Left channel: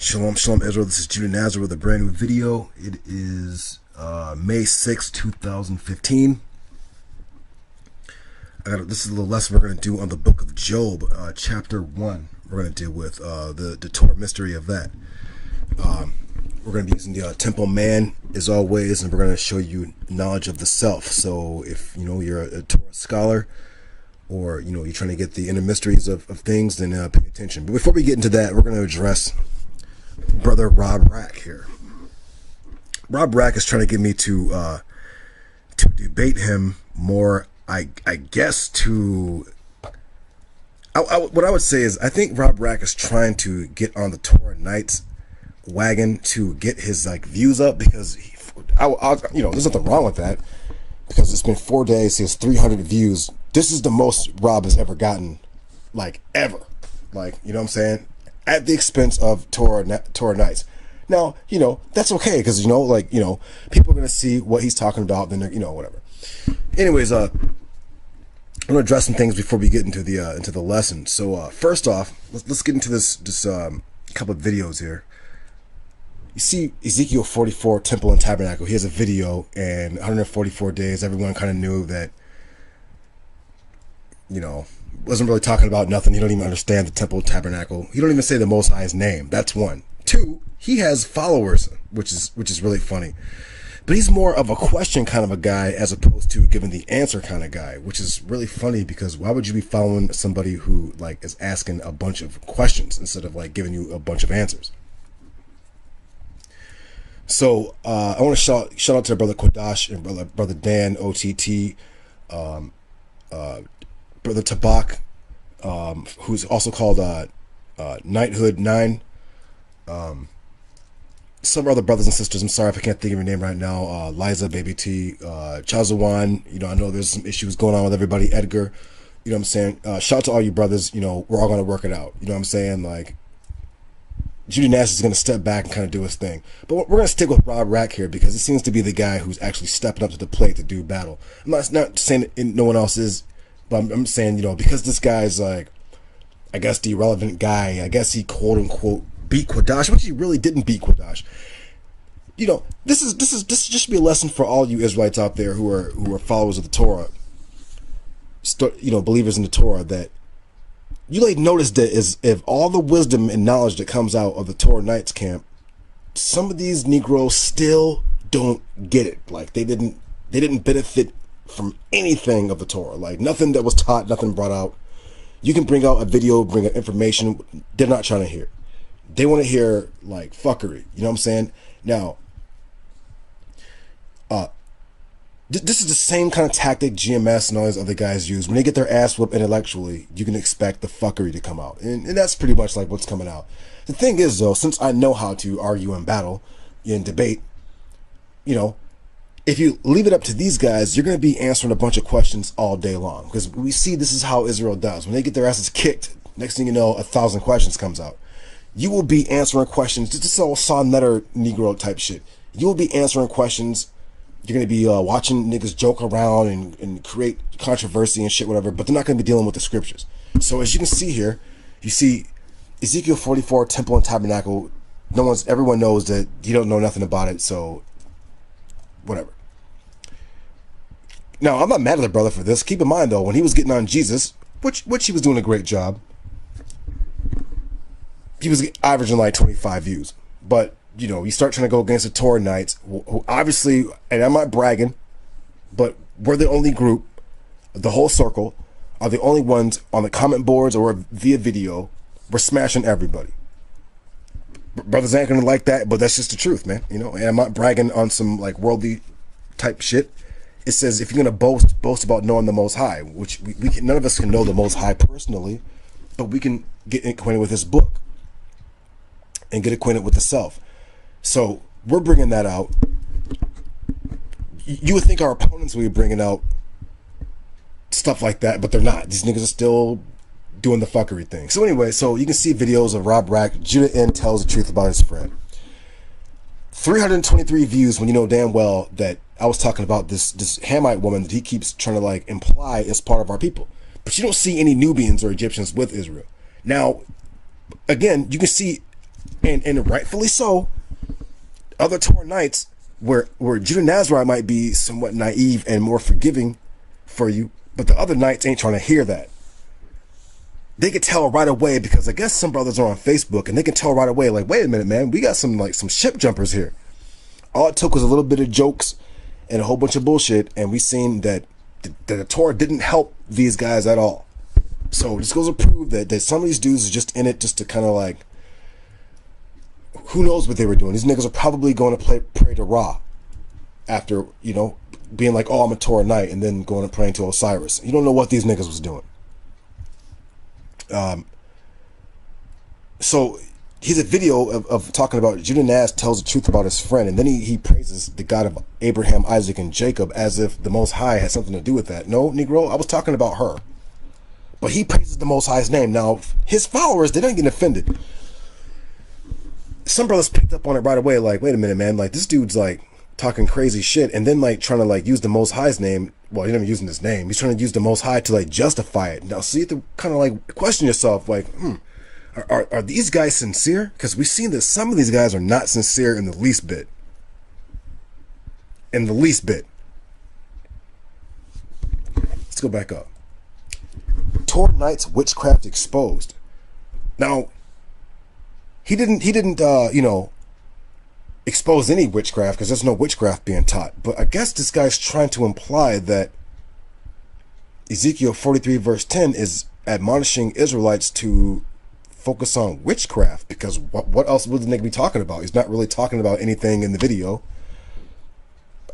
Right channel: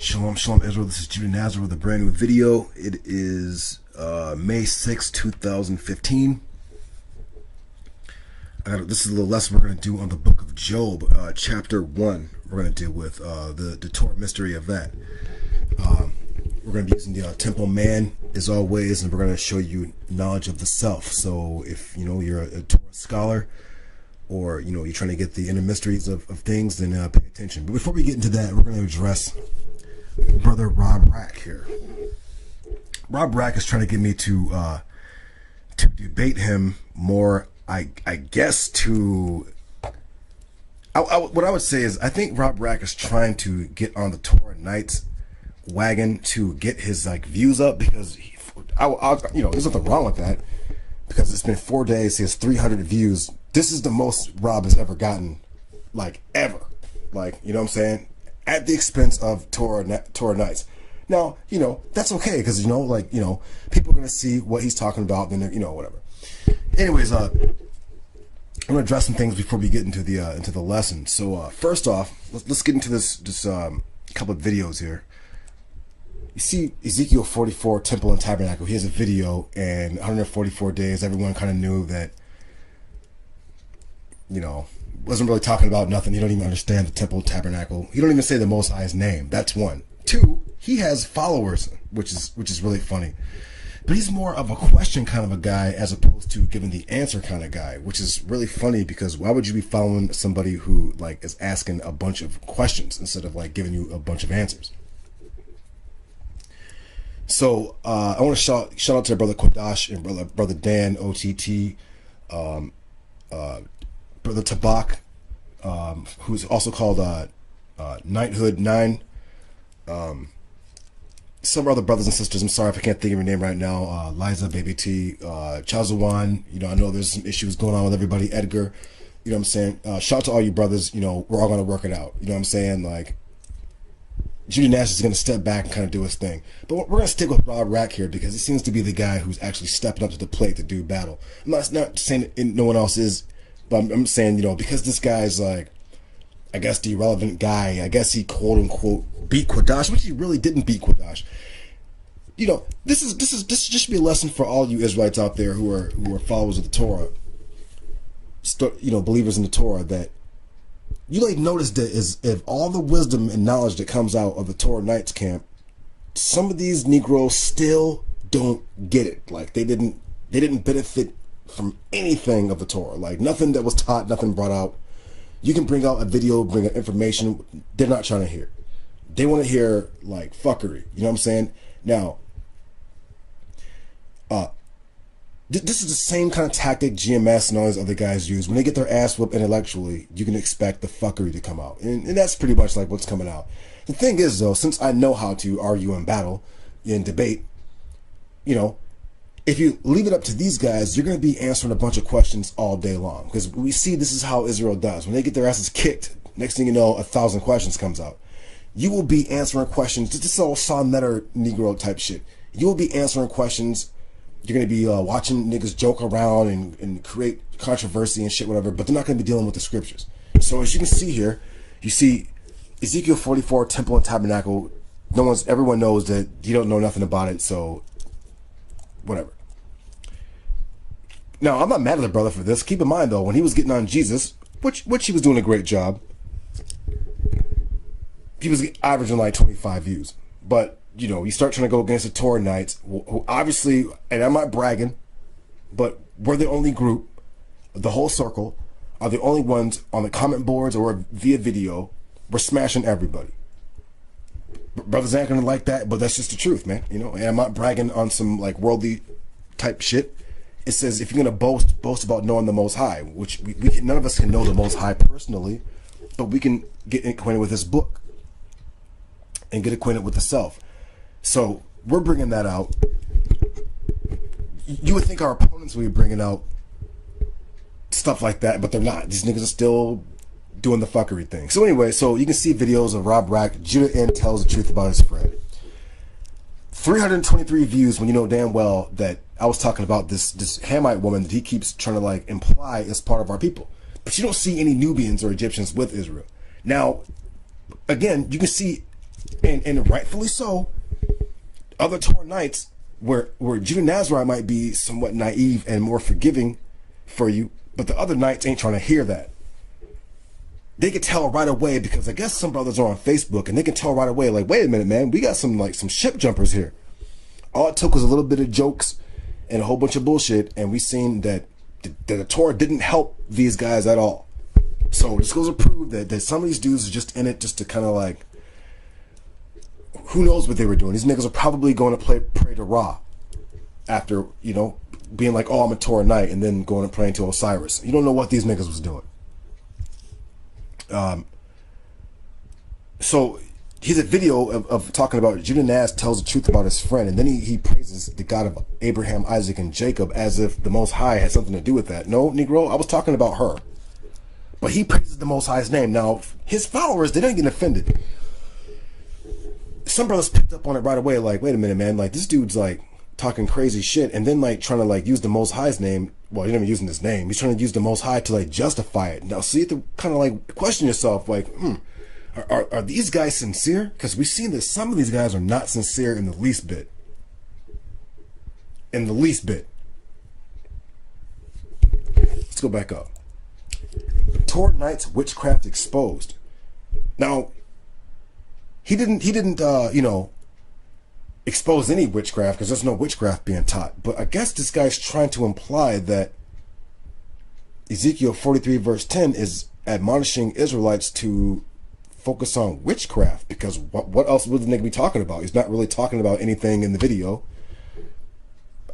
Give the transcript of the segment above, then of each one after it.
Shalom, shalom, Israel. This is Judah Nazar with a brand new video. It is May 6, 2015. This is a little lesson we're going to do on the book of Job, chapter 1. We're going to deal with the Torah mystery of that. We're going to be using the temple man as always, and we're going to show you knowledge of the self. So if you're a Torah scholar, or you're trying to get the inner mysteries of things, then pay attention. But before we get into that, we're going to address brother Rob Rack here. Rob Rack is trying to get me to debate him more. I guess what I would say is I think Rob Rack is trying to get on the Torah Knights wagon to get his views up, because there's nothing wrong with that, because it's been 4 days, he has 300 views. This is the most Rob has ever gotten, ever, you know what I'm saying, at the expense of Torah Knights. Now, that's okay, because people are going to see what he's talking about, then whatever. Anyways, I'm going to address some things before we get into the lesson. So first off, let's get into this couple of videos here. You see Ezekiel 44, Temple and Tabernacle. He has a video, and 144 days, everyone kind of knew that, wasn't really talking about nothing. He don't even understand the temple tabernacle. He don't even say the Most High's name. That's one. Two, he has followers, which is really funny. But he's more of a question kind of a guy as opposed to giving the answer kind of guy, which is really funny, because why would you be following somebody who is asking a bunch of questions instead of giving you a bunch of answers? So I want to shout out to brother Kodash and brother Dan OTT, brother Tabak, who's also called Knighthood 9. Some other brothers and sisters, I'm sorry if I can't think of your name right now. Liza, Baby T, Chazawan. I know there's some issues going on with everybody. Edgar, you know what I'm saying? Shout out to all you brothers. We're all going to work it out. You know what I'm saying? Judy Nash is going to step back and kind of do his thing. But we're going to stick with Rob Rack here, because he seems to be the guy who's actually stepping up to the plate to do battle. I'm not saying that no one else is, but I'm saying, because this guy's I guess the irrelevant guy, I guess he quote unquote beat Kodash, which he really didn't beat Kodash. This should be a lesson for all you Israelites out there who are followers of the Torah, believers in the Torah, that you notice that if all the wisdom and knowledge that comes out of the Torah Knights camp, some of these Negroes still don't get it. They didn't benefit from anything of the Torah. Nothing that was taught, nothing brought out. You can bring out a video, bring out information, they're not trying to hear. They want to hear fuckery. You know what I'm saying? Now, this is the same kind of tactic GMS and all these other guys use. When they get their ass whooped intellectually, you can expect the fuckery to come out. And that's pretty much what's coming out. The thing is, though, since I know how to argue in battle, in debate, if you leave it up to these guys, you're going to be answering a bunch of questions all day long. Because we see this is how Israel does. When they get their asses kicked, Next thing you know, 1,000 questions comes out. You will be answering questions. This is all sonnetter Negro type shit. You will be answering questions. You're going to be watching niggas joke around and create controversy and shit, whatever, but they're not going to be dealing with the scriptures. So as you can see here, you see Ezekiel 44, temple and tabernacle. Everyone knows that you don't know nothing about it, so whatever. Now, I'm not mad at the brother for this. Keep in mind, though, when he was getting on Jesus, which he was doing a great job, he was averaging like 25 views. But, you know, you start trying to go against the Torah Knights, who obviously, and I'm not bragging, but we're the only group, the whole circle, are the only ones on the comment boards or via video. We're smashing everybody. Brothers ain't gonna like that, but that's just the truth, man. You know, and I'm not bragging on some like worldly type shit. It says if you're gonna boast about knowing the Most High, which we can, none of us can know the Most High personally, but we can get acquainted with His book and get acquainted with the self. So we're bringing that out. You would think our opponents would be bringing out stuff like that, but they're not. These niggas are still doing the fuckery thing. So anyway, so you can see videos of Rob Rack. Judah N tells the truth about his friend. 323 views when you know damn well that I was talking about this Hamite woman that he keeps trying to like imply is part of our people. But you don't see any Nubians or Egyptians with Israel. Now, again, you can see, and rightfully so, other Torah Knights where Judah Nazarite might be somewhat naive and more forgiving for you, but the other Knights ain't trying to hear that. They could tell right away, because I guess some brothers are on Facebook and they can tell right away, like, wait a minute, man, we got some ship jumpers here. All it took was a little bit of jokes and a whole bunch of bullshit, and we seen that the Torah didn't help these guys at all. So this goes to prove that some of these dudes are just in it just to kind of like, who knows what they were doing. These niggas are probably going to pray to Ra after, you know, being like, oh, I'm a Torah Knight, and then going and praying to Osiris. You don't know what these niggas was doing. So here's a video of talking about Judah Naz tells the truth about his friend, and then he praises the God of Abraham, Isaac, and Jacob as if the Most High had something to do with that. No, Negro, I was talking about her. But he praises the Most High's name. Now, his followers, they didn't get offended. Some brothers picked up on it right away, like, wait a minute, man, like, this dude's like talking crazy shit, and then like trying to like use the Most High's name. Well, he's not even using his name. He's trying to use the Most High to like justify it. Now, so you have to kind of like question yourself, like, are these guys sincere? Because we've seen that some of these guys are not sincere in the least bit. In the least bit. Let's go back up. Torah Knights witchcraft exposed. Now, he didn't you know, expose any witchcraft, because there's no witchcraft being taught. But I guess this guy's trying to imply that Ezekiel 43 verse 10 is admonishing Israelites to focus on witchcraft, because what else would the nigga be talking about? He's not really talking about anything in the video.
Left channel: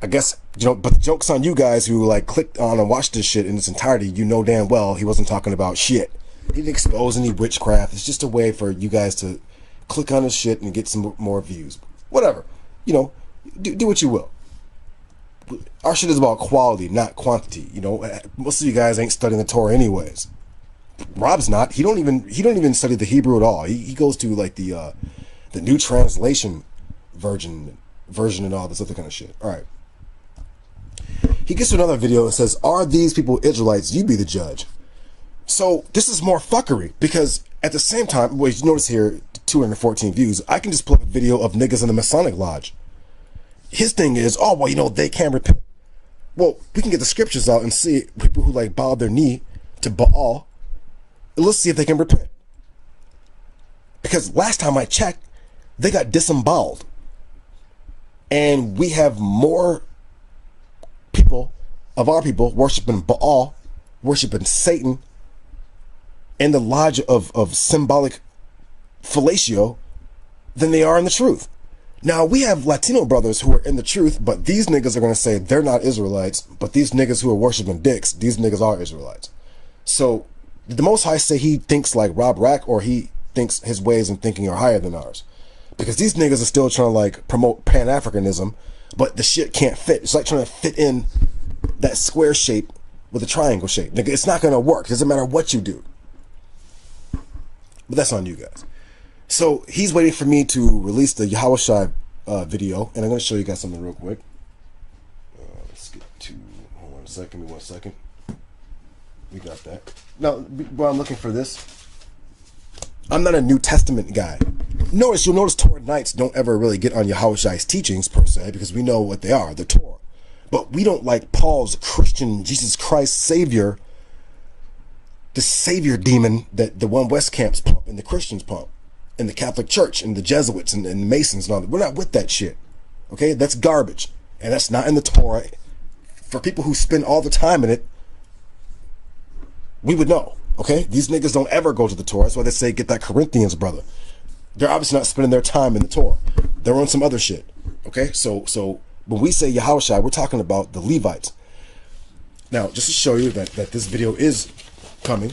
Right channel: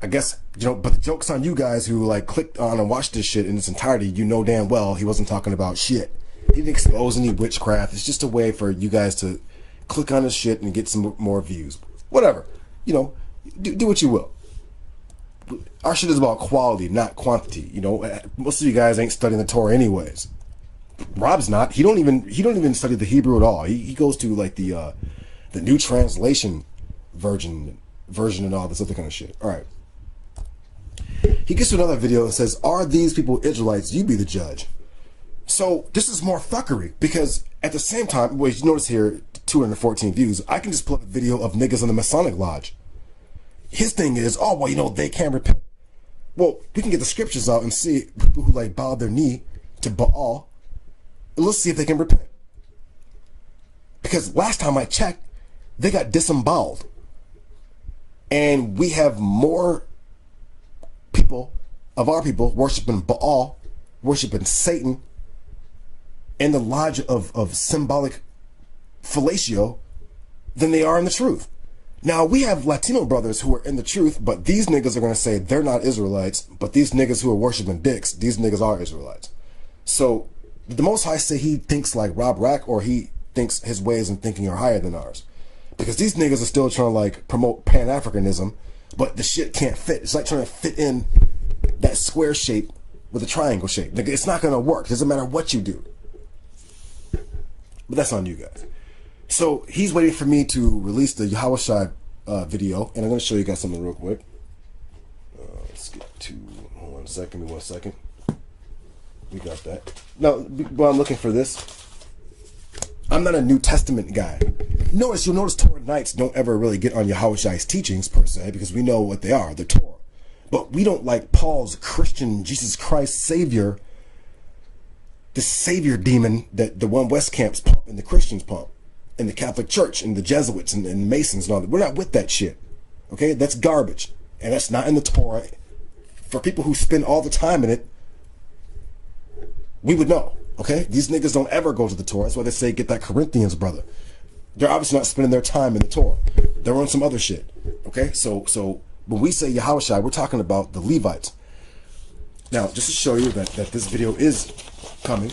I guess, you know, but the joke's on you guys who like clicked on and watched this shit in its entirety. You know damn well he wasn't talking about shit. He didn't expose any witchcraft. It's just a way for you guys to click on his shit and get some more views. Whatever, you know, do what you will. Our shit is about quality, not quantity. You know, most of you guys ain't studying the Torah anyways. Rob's not. He don't even study the Hebrew at all. He goes to like the new translation version and all this other kind of shit. All right. He gets to another video and says, "Are these people Israelites? You be the judge." So this is more fuckery, because at the same time, well, you notice here, 214 views. I can just pull up a video of niggas in the Masonic Lodge. His thing is, oh, well, you know, they can't repent. Well, we can get the scriptures out and see people who like bow their knee to Baal. Let's see if they can repent. Because last time I checked, they got disemboweled. And we have more people of our people worshiping Baal, worshiping Satan, and the lodge of symbolic fellatio than they are in the truth. Now, we have Latino brothers who are in the truth, but these niggas are going to say they're not Israelites, but these niggas who are worshiping dicks, these niggas are Israelites. So, did the Most High say he thinks like Rob Rack, or he thinks his ways and thinking are higher than ours? Because these niggas are still trying to like promote Pan-Africanism, but the shit can't fit. It's like trying to fit in that square shape with a triangle shape. Nigga, it's not going to work. It doesn't matter what you do. But that's on you guys. So he's waiting for me to release the Yahushua video, and I'm going to show you guys something real quick. Let's get to, hold on a second, give me 1 second. We got that. Now, while I'm looking for this, I'm not a New Testament guy. You'll notice Torah Nights don't ever really get on Yahushua's teachings per se, because we know what they are, the Torah. But we don't like Paul's Christian Jesus Christ Savior, the Savior demon that the One West camps pump and the Christians pump, and the Catholic Church and the Jesuits and the Masons and all that. We're not with that shit. Okay? That's garbage. And that's not in the Torah. For people who spend all the time in it, we would know. Okay? These niggas don't ever go to the Torah. That's why they say get that Corinthians brother. They're obviously not spending their time in the Torah. They're on some other shit. Okay? So when we say Yahushua, we're talking about the Levites. Now, just to show you that this video is coming,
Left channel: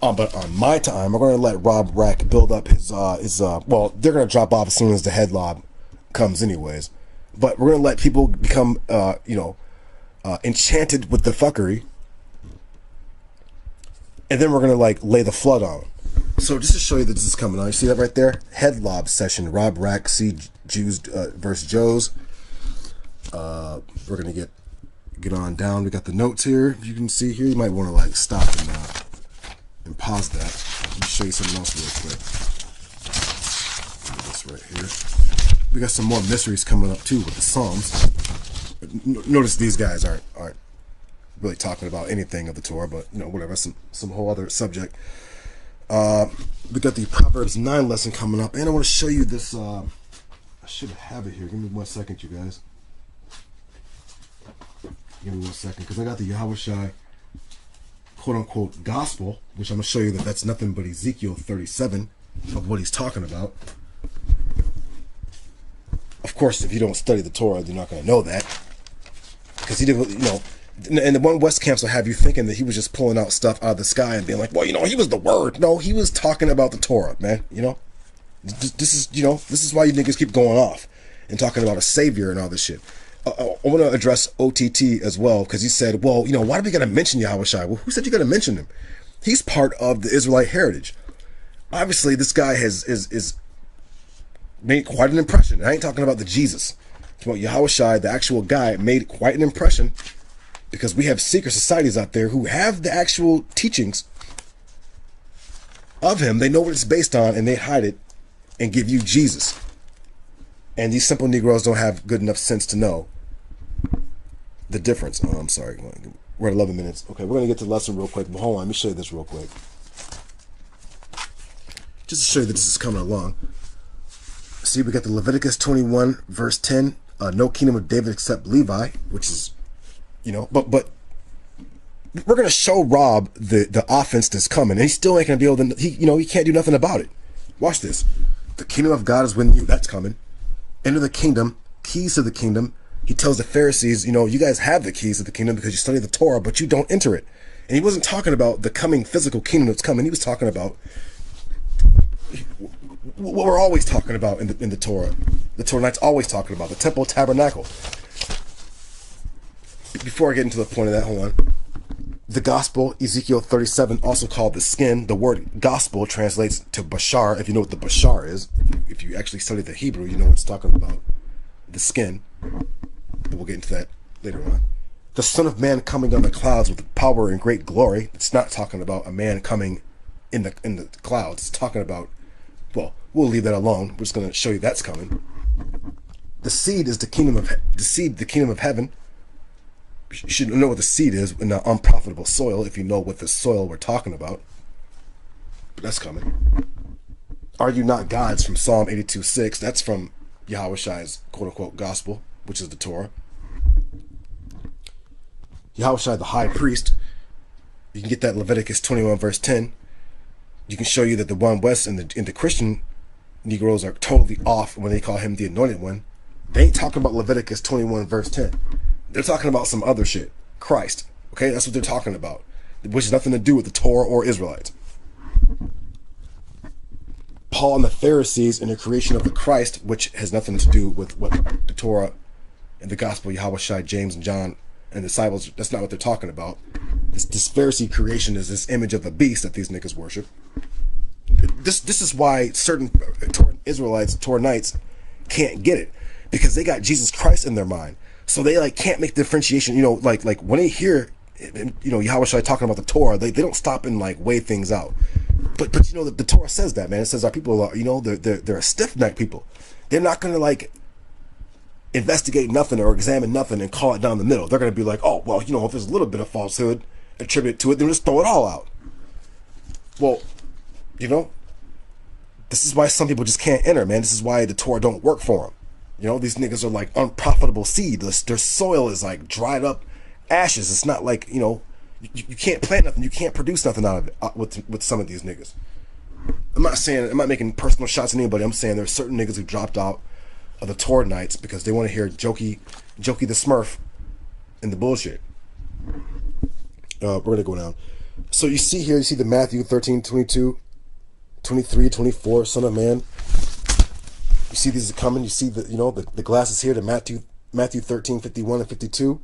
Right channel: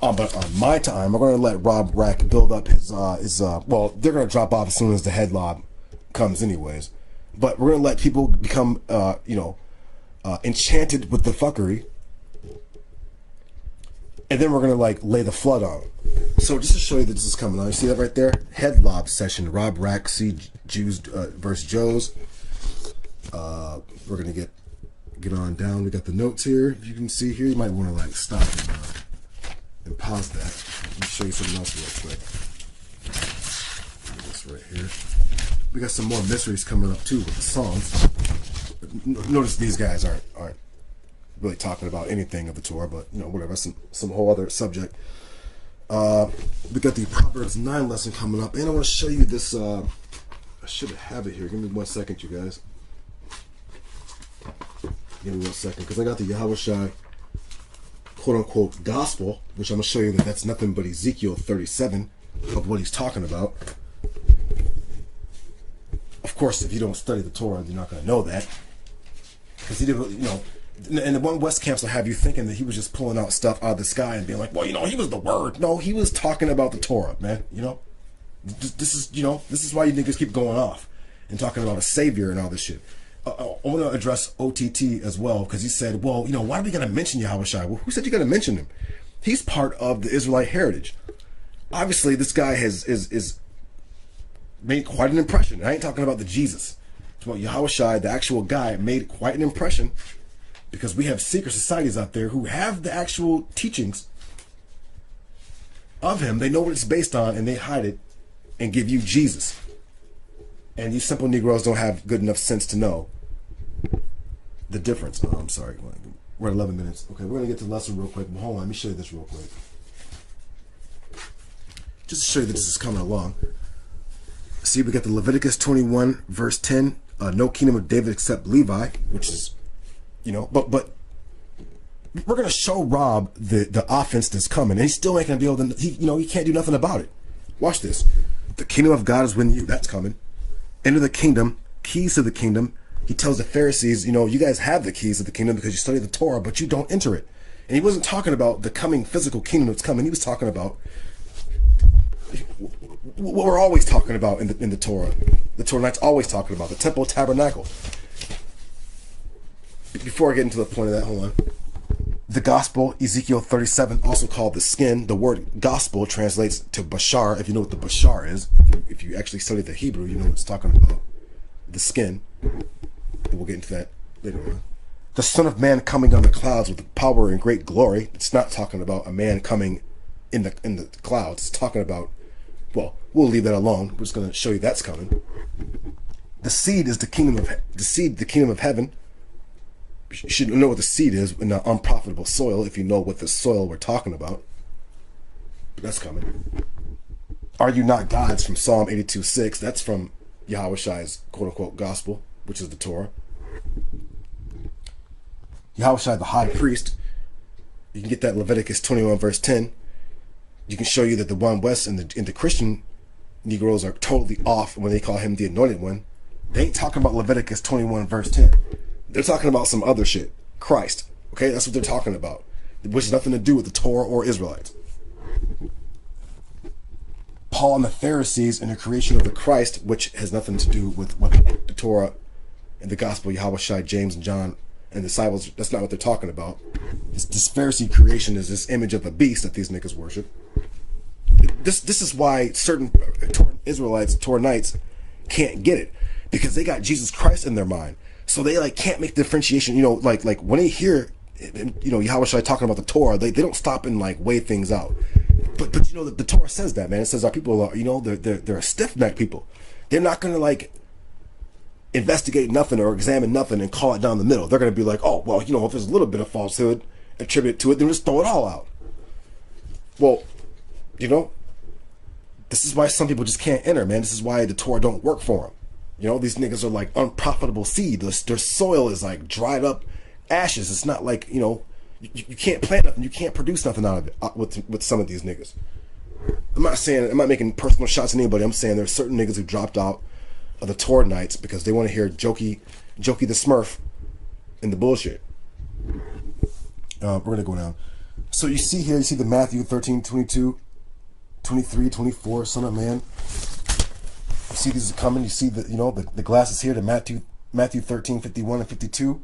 but on my time, we're going to let Rob Rack build up his well, they're going to drop off as soon as the head lob comes anyways. But we're going to let people become, enchanted with the fuckery. And then we're going to like lay the flood on them. So just to show you that this is coming on, you see that right there? Head lob session, Rob Rack, see Jews versus Joes. We're going to get on down. We got the notes here. You can see here, you might want to like stop and pause that. Let me show you something else real quick. This right here. We got some more mysteries coming up too with the Psalms. Notice these guys aren't really talking about anything of the Torah, but whatever, some whole other subject. We got the Proverbs 9 lesson coming up, and I want to show you this. I should have it here. Give me 1 second, you guys. Give me 1 second, because I got the Yahushua quote-unquote gospel, which I'm going to show you that that's nothing but Ezekiel 37 of what he's talking about. Of course, if you don't study the Torah, you're not going to know that. Because he did, and the One West camps will have you thinking that he was just pulling out stuff out of the sky and being like, well, he was the word. No, he was talking about the Torah, man. This is why you niggas keep going off and talking about a savior and all this shit. I want to address OTT as well, because he said, well, why do we got to mention Yahushua? Well, who said you got to mention him? He's part of the Israelite heritage. Obviously, this guy is made quite an impression. I ain't talking about the Jesus. I'm talking about Yahushua, the actual guy, made quite an impression, because we have secret societies out there who have the actual teachings of him. They know what it's based on, and they hide it and give you Jesus. And these simple Negroes don't have good enough sense to know the difference. Oh, I'm sorry. We're at 11 minutes. Okay, we're going to get to the lesson real quick. But hold on, let me show you this real quick. Just to show you that this is coming along. See, we got the Leviticus 21, verse 10. No kingdom of David except Levi, which is, but we're going to show Rob the offense that's coming. And he still ain't going to be able to, he can't do nothing about it. Watch this. The kingdom of God is within you. That's coming. Enter the kingdom, keys to the kingdom. He tells the Pharisees, you guys have the keys of the kingdom because you study the Torah, but you don't enter it. And he wasn't talking about the coming physical kingdom that's coming. He was talking about what we're always talking about in the Torah. The Torah Nights always talking about the temple tabernacle. Before I get into the point of that, hold on. The gospel, Ezekiel 37, also called the skin. The word gospel translates to bashar. If you know what the bashar is, if you actually study the Hebrew, you know what it's talking about. The skin. But we'll get into that later on. The Son of Man coming on the clouds with power and great glory. It's not talking about a man coming in the clouds. It's talking about, well, we'll leave that alone. We're just going to show you that's coming. The seed is the kingdom of heaven. You should know what the seed is in an unprofitable soil if you know what the soil we're talking about. But that's coming. Are you not gods from Psalm 82:6? That's from Yahushua's quote-unquote gospel, which is the Torah. Yahushua, the high priest. You can get that Leviticus 21 verse 10. You can show you that the One West and the Christian Negroes are totally off when they call him the anointed one. They ain't talking about Leviticus 21 verse 10. They're talking about some other shit. Christ. Okay, that's what they're talking about. Which has nothing to do with the Torah or Israelites. Paul and the Pharisees and the creation of the Christ, which has nothing to do with what the Torah and the gospel, Yahushua, James and John and the disciples, that's not what they're talking about. This Pharisee creation is this image of a beast that these niggas worship. This is why certain Israelites, Toranites, can't get it, because they got Jesus Christ in their mind, so they like can't make the differentiation. You know, like when they hear, you know, Yahweh Shai talking about the Torah, they don't stop and like weigh things out. But you know, the Torah says that, man. It says our people are, you know, they're a stiff-necked people. They're not gonna like investigate nothing or examine nothing and call it down the middle. They're gonna be like, oh well, you know, if there's a little bit of falsehood attributed to it, then just throw it all out. Well, you know, this is why some people just can't enter, man. This is why the Torah don't work for them. You know, these niggas are like unprofitable seed. Their soil is like dried up ashes. It's not like, you know, you can't plant nothing. You can't produce nothing out of it with some of these niggas. I'm not making personal shots at anybody. I'm saying there's certain niggas who dropped out of the Torah nights because they want to hear Jokey the Smurf and the bullshit. We're going to go down. So you see here, you see the Matthew 13, 22, 23, 24, Son of Man. You see these are coming. You see the, you know, the glasses here to Matthew 13, 51 and 52.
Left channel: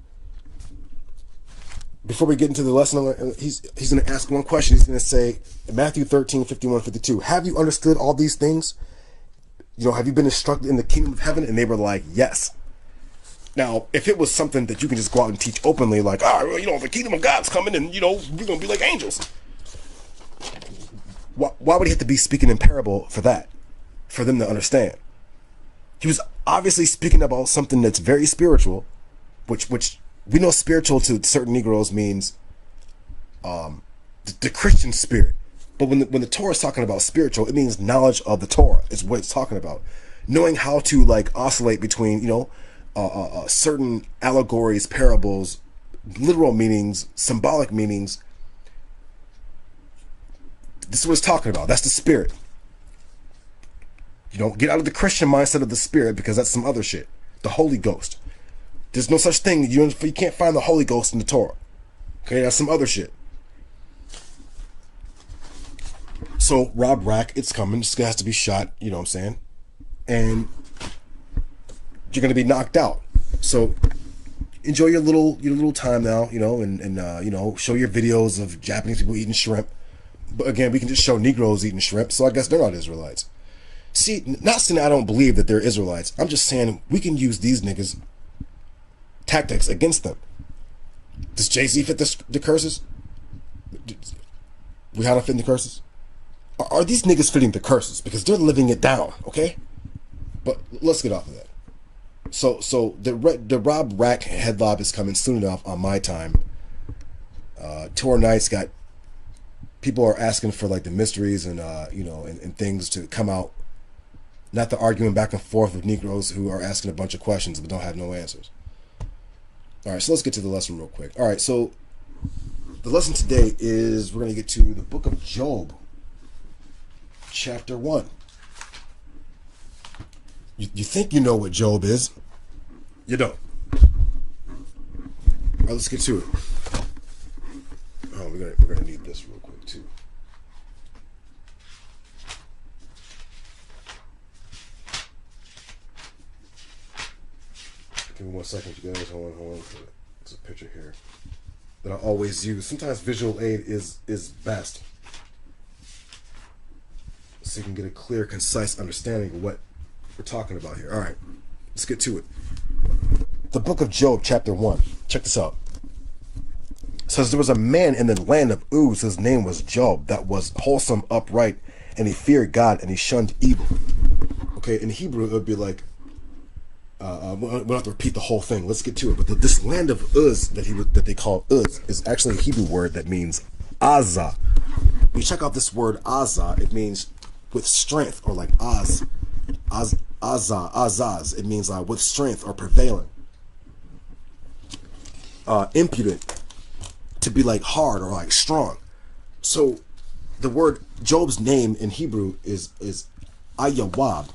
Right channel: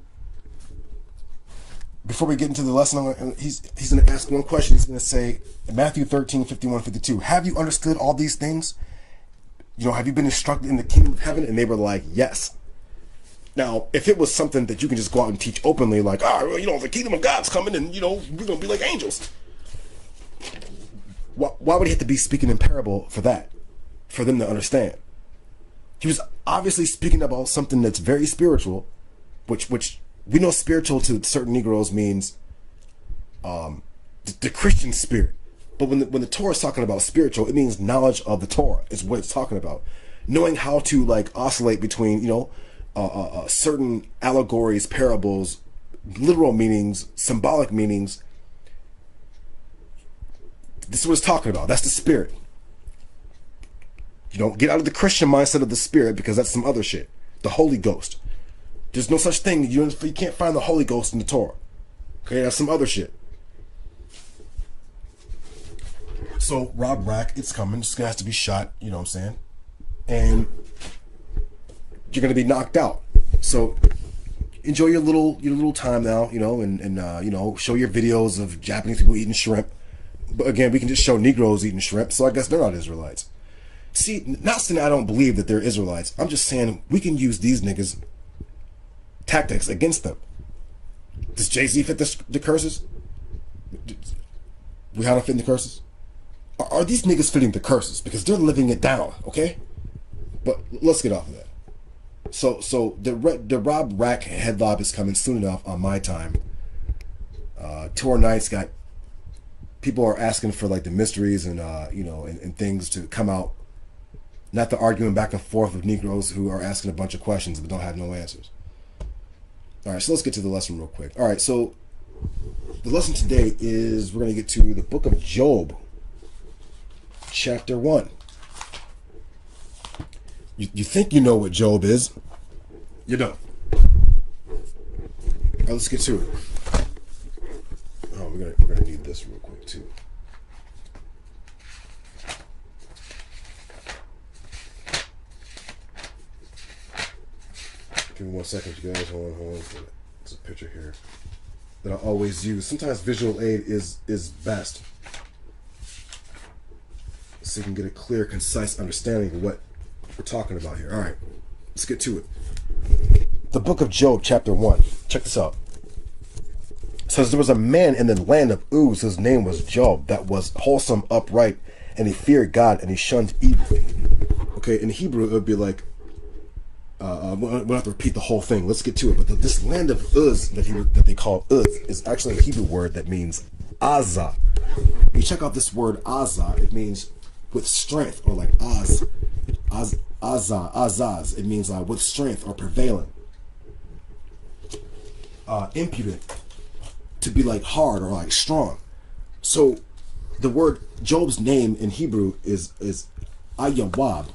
Before we get into the lesson, he's going to ask one question. He's going to say, Matthew 13, 51, 52. Have you understood all these things? You know, have you been instructed in the kingdom of heaven? And they were like, yes. Now, if it was something that you can just go out and teach openly, like, well, you know, the kingdom of God's coming and, you know, we're going to be like angels. Why would he have to be speaking in parable for that? For them to understand? He was obviously speaking about something that's very spiritual, which we know spiritual to certain Negroes means the Christian spirit. But when the Torah is talking about spiritual, it means knowledge of the Torah is what it's talking about. Knowing how to like oscillate between, you know, certain allegories, parables, literal meanings, symbolic meanings. This is what it's talking about. That's the spirit. You don't get out of the Christian mindset of the spirit, because that's some other shit. The Holy Ghost. There's no such thing. You can't find the Holy Ghost in the Torah. Okay, that's some other shit. So Rob Rack, it's coming. This guy has to be shot. You know what I'm saying? And you're gonna be knocked out. So enjoy your little time now. You know, and you know, show your videos of Japanese people eating shrimp. But again, we can just show Negroes eating shrimp. So I guess they're not Israelites. See, not saying I don't believe that they're Israelites. I'm just saying we can use these niggas' tactics against them. Does Jay-Z fit the curses? Rihanna fit the curses? Are these niggas fitting the curses? Because they're living it down, okay? But let's get off of that. So the Rob Rack headlob is coming soon enough on my time. Torah Nights got people are asking for like the mysteries and you know, and things to come out. Not the arguing back and forth of Negroes who are asking a bunch of questions but don't have no answers. All right, so let's get to the lesson real quick. All right, so the lesson today is we're going to get to the book of Job, chapter 1. You think you know what Job is. You don't. All right, let's get to it. Oh, we're gonna need this real quick too. Give me 1 second, you guys. Hold on. There's a picture here that I always use. Sometimes visual aid is best, so you can get a clear, concise understanding of what we're talking about here. All right, let's get to it. The book of Job, chapter 1. Check this out. It says, there was a man in the land of Uz whose name was Job, that was wholesome, upright, and he feared God, and he shunned evil. Okay, in Hebrew it would be like, we don't have to repeat the whole thing. Let's get to it. But this land of Uz that they call Uz is actually a Hebrew word that means Azah. When you check out this word Azah, it means with strength, or like Azaz. It means with strength or prevailing. Impudent, to be like hard or like strong. So the word Job's name in Hebrew is Ayawab,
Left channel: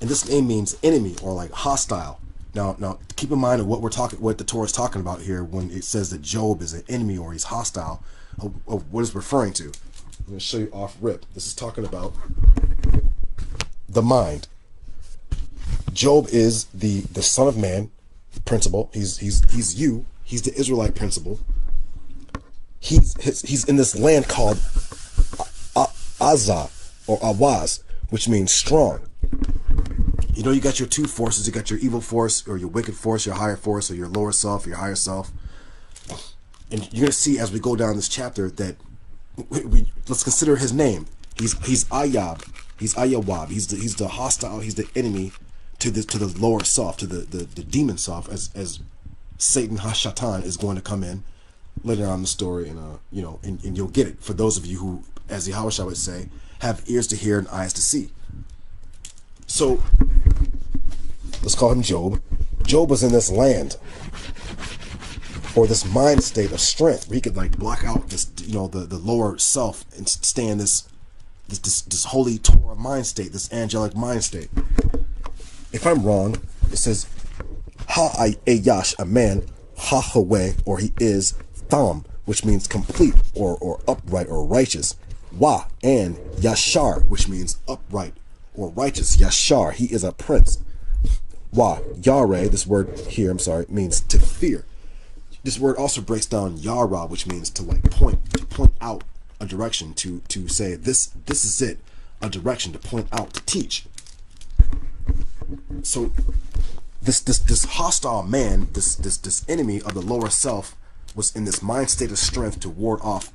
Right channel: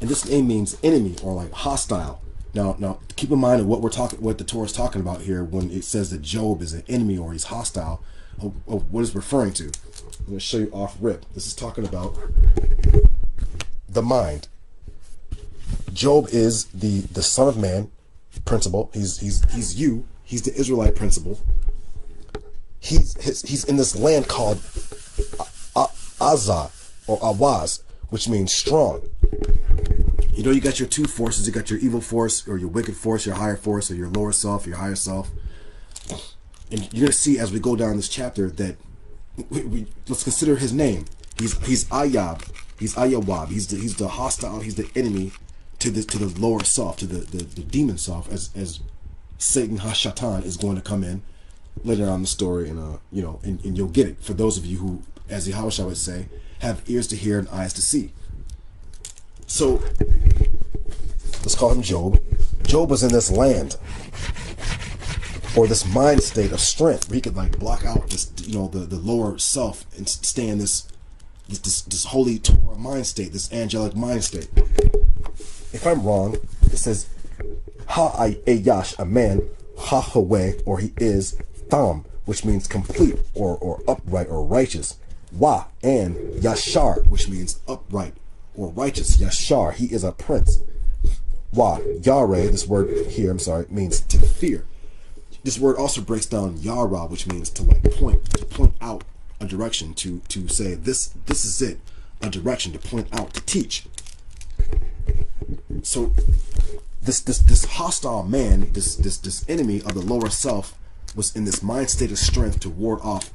and this name means enemy or like hostile. Now keep in mind what the Torah is talking about here when it says that Job is an enemy or he's hostile, of what it's referring to. I'm going to show you off rip. This is talking about the mind. Job is the son of man principle. He's you. He's the Israelite principle. He's in this land called Azah. or awaz, which means strong. You know, you got your two forces. You got your evil force, or your wicked force, your higher force, or your lower self, your higher self. And you're going to see as we go down this chapter that let's consider his name. He's Ayab. He's Ayawab. He's the hostile. He's the enemy to the lower self, to the demon self, as Satan Hashatan is going to come in later on in the story, and you know, and you'll get it for those of you who, as Yahushua would say, have ears to hear and eyes to see. So let's call him Job. Job was in this land, or this mind state of strength, where he could like block out this, you know, the lower self and stay in this holy Torah mind state, this angelic mind state. If I'm wrong, it says Ha-ayash, a man, Ha-hawe, or he is Tham, which means complete or upright or righteous. Wa, and Yashar, which means upright or righteous. Yashar, he is a prince. Wa, Yare, this word here, I'm sorry, means to fear. This word also breaks down Yara, which means to like point out a direction, to say this is it, a direction, to point out, to teach. So this hostile man, this enemy of the lower self, was in this mind state of strength to ward off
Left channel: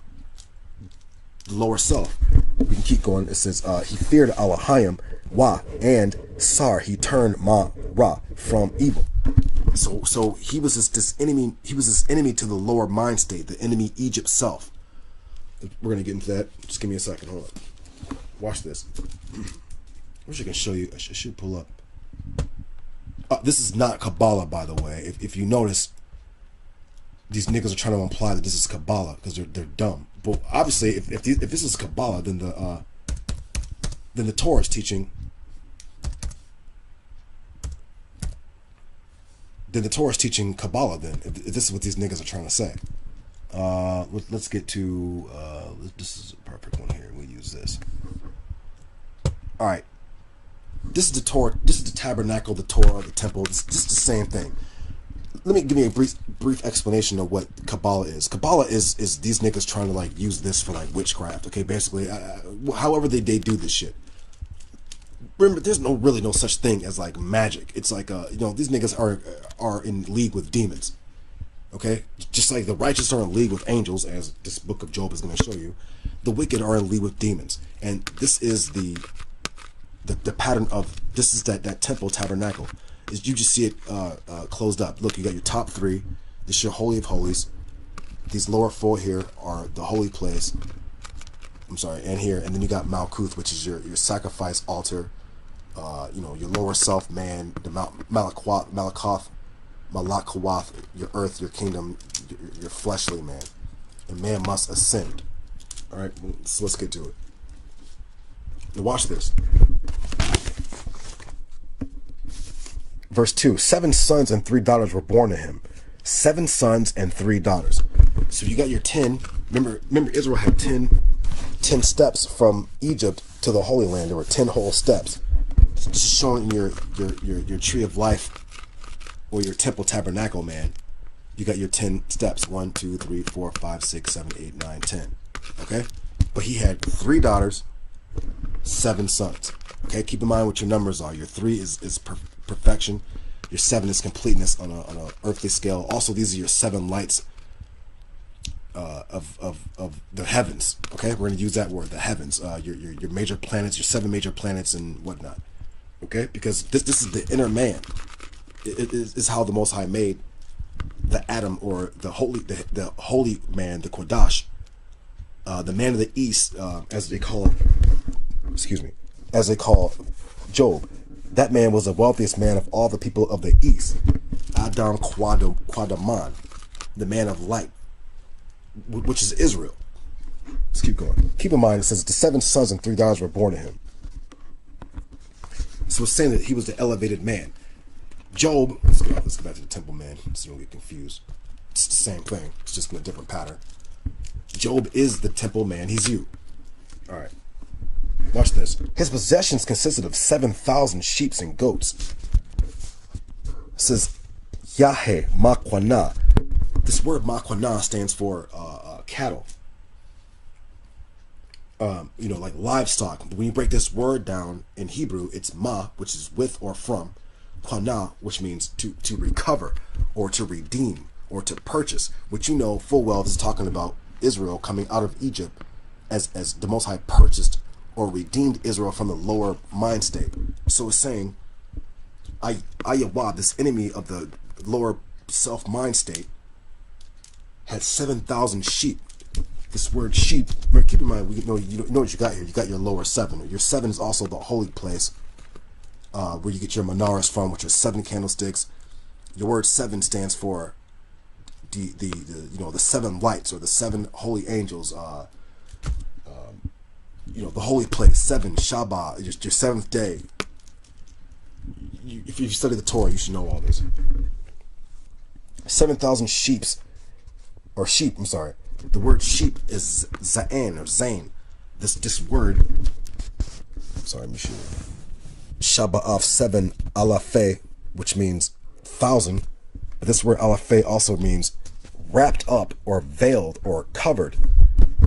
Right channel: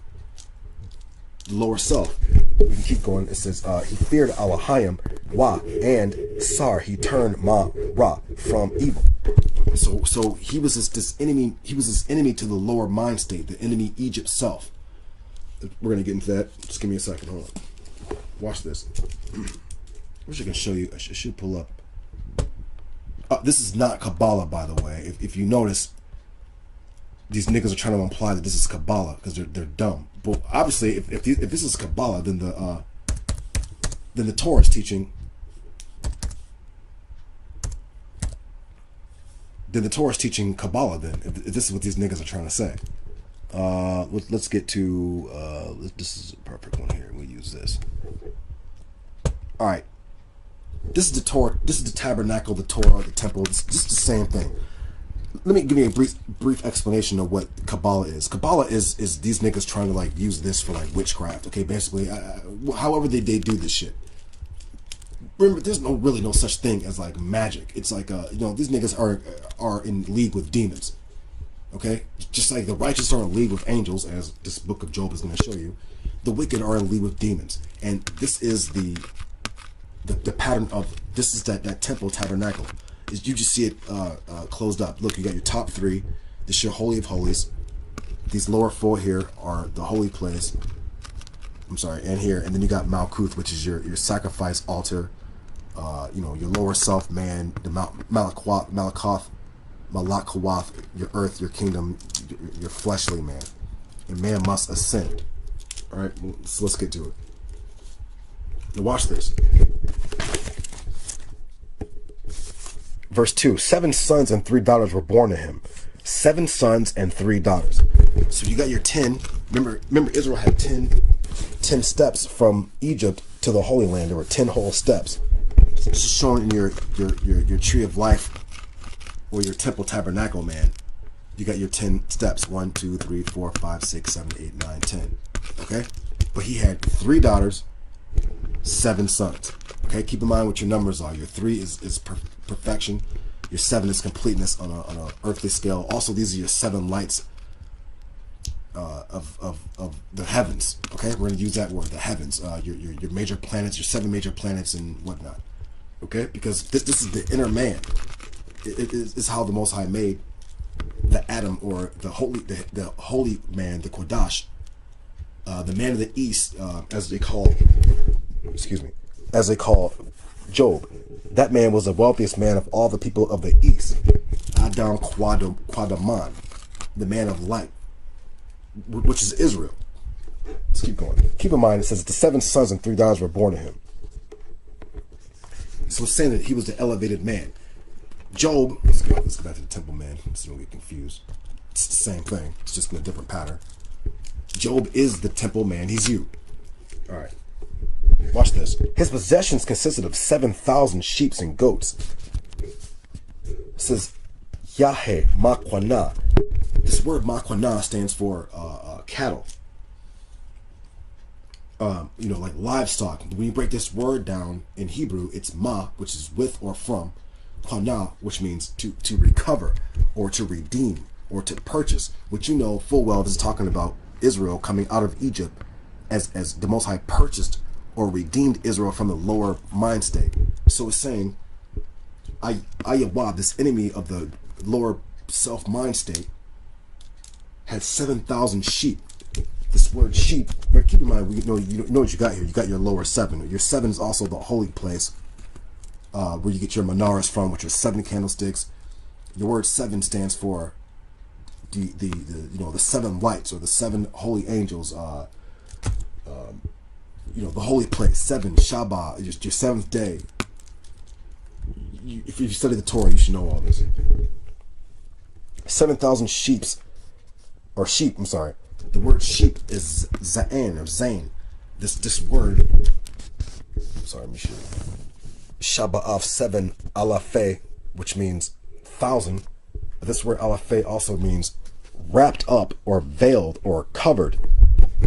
the lower self. We can keep going. It says he feared Elohim, Wa, and Sar, he turned Ma Ra from evil. So he was this enemy. He was this enemy to the lower mind state, the enemy Egypt self. We're gonna get into that. Just give me a second. Hold on. Watch this. I wish I can show you. I should pull up. This is not Kabbalah, by the way. If you notice, these niggas are trying to imply that this is Kabbalah because they're dumb. But obviously, if this is Kabbalah, then the Torah is teaching. Then the Torah is teaching Kabbalah. Then, if this is what these niggas are trying to say. Let's get to this is a perfect one here. We'll use this. All right. This is the Torah. This is the tabernacle, the Torah, the temple. It's just the same thing. Let me give you a brief explanation of what Kabbalah is. Kabbalah is these niggas trying to like use this for like witchcraft. Okay, basically, however they do this shit. Remember, there's really no such thing as like magic. It's like you know, these niggas are in league with demons. Okay, just like the righteous are in league with angels, as this book of Job is going to show you. The wicked are in league with demons, and this is the pattern of this is that temple tabernacle. Is you just see it closed up. Look, you got your top three. This is your holy of holies. These lower four here are the holy place. I'm sorry, and here, and then you got Malkuth, which is your sacrifice altar. You know, your lower self, man, the Malakoth, your earth, your kingdom, your fleshly man, and man must ascend. All right, so let's get to it. Now watch this. Verse 2, 7 sons and 3 daughters were born to him. 7 sons and 3 daughters. So you got your 10. Remember Israel had 10 steps from Egypt to the Holy Land. There were 10 whole steps. So this is showing your tree of life, or your temple tabernacle, man. You got your 10 steps. 1, 2, 3, 4, 5, 6, 7, 8, 9, 10. Okay? But he had 3 daughters, 7 sons. Okay? Keep in mind what your numbers are. Your 3 is perfection. Your 7 is completeness on an earthly scale. Also, these are your 7 lights of the heavens. Okay? We're going to use that word, the heavens. Your major planets, your 7 major planets and whatnot. Okay? Because this is the inner man. It is how the Most High made the Adam, or the holy man, the Kodash, the man of the East, as they call Job. That man was the wealthiest man of all the people of the East. Adam Quadaman, the man of light, which is Israel. Let's keep going. Keep in mind, it says the 7 sons and 3 daughters were born to him. So it's saying that he was the elevated man. Job, let's go back to the temple man, so you don't get confused. It's the same thing. It's just in a different pattern. Job is the temple man. He's you. All right. Watch this. His possessions consisted of 7,000 sheep and goats. It says, Yahe Makwana. This word Makwana stands for cattle. you know, like livestock. When you break this word down in Hebrew, it's ma, which is with or from, qana, which means to recover or to redeem or to purchase, which you know full well this is talking about Israel coming out of Egypt as the Most High purchased or redeemed Israel from the lower mind state. So it's saying, Ayawab, this enemy of the lower self mind state, had 7,000 sheep. This word sheep, but keep in mind, you know what you got here. You got your lower seven. Your seven is also the holy place, where you get your menorahs from, which is 7 candlesticks. The word seven stands for the you know, the 7 lights or the 7 holy angels. You know, the holy place, 7 Shabbat, your 7th day. If you study the Torah, you should know all this. 7,000 sheeps, or sheep. I'm sorry. The word sheep is za'an or zain. This word. Sorry, let me show you. Shabbat 7 alafe, which means 1,000. But this word alafe also means wrapped up or veiled or covered.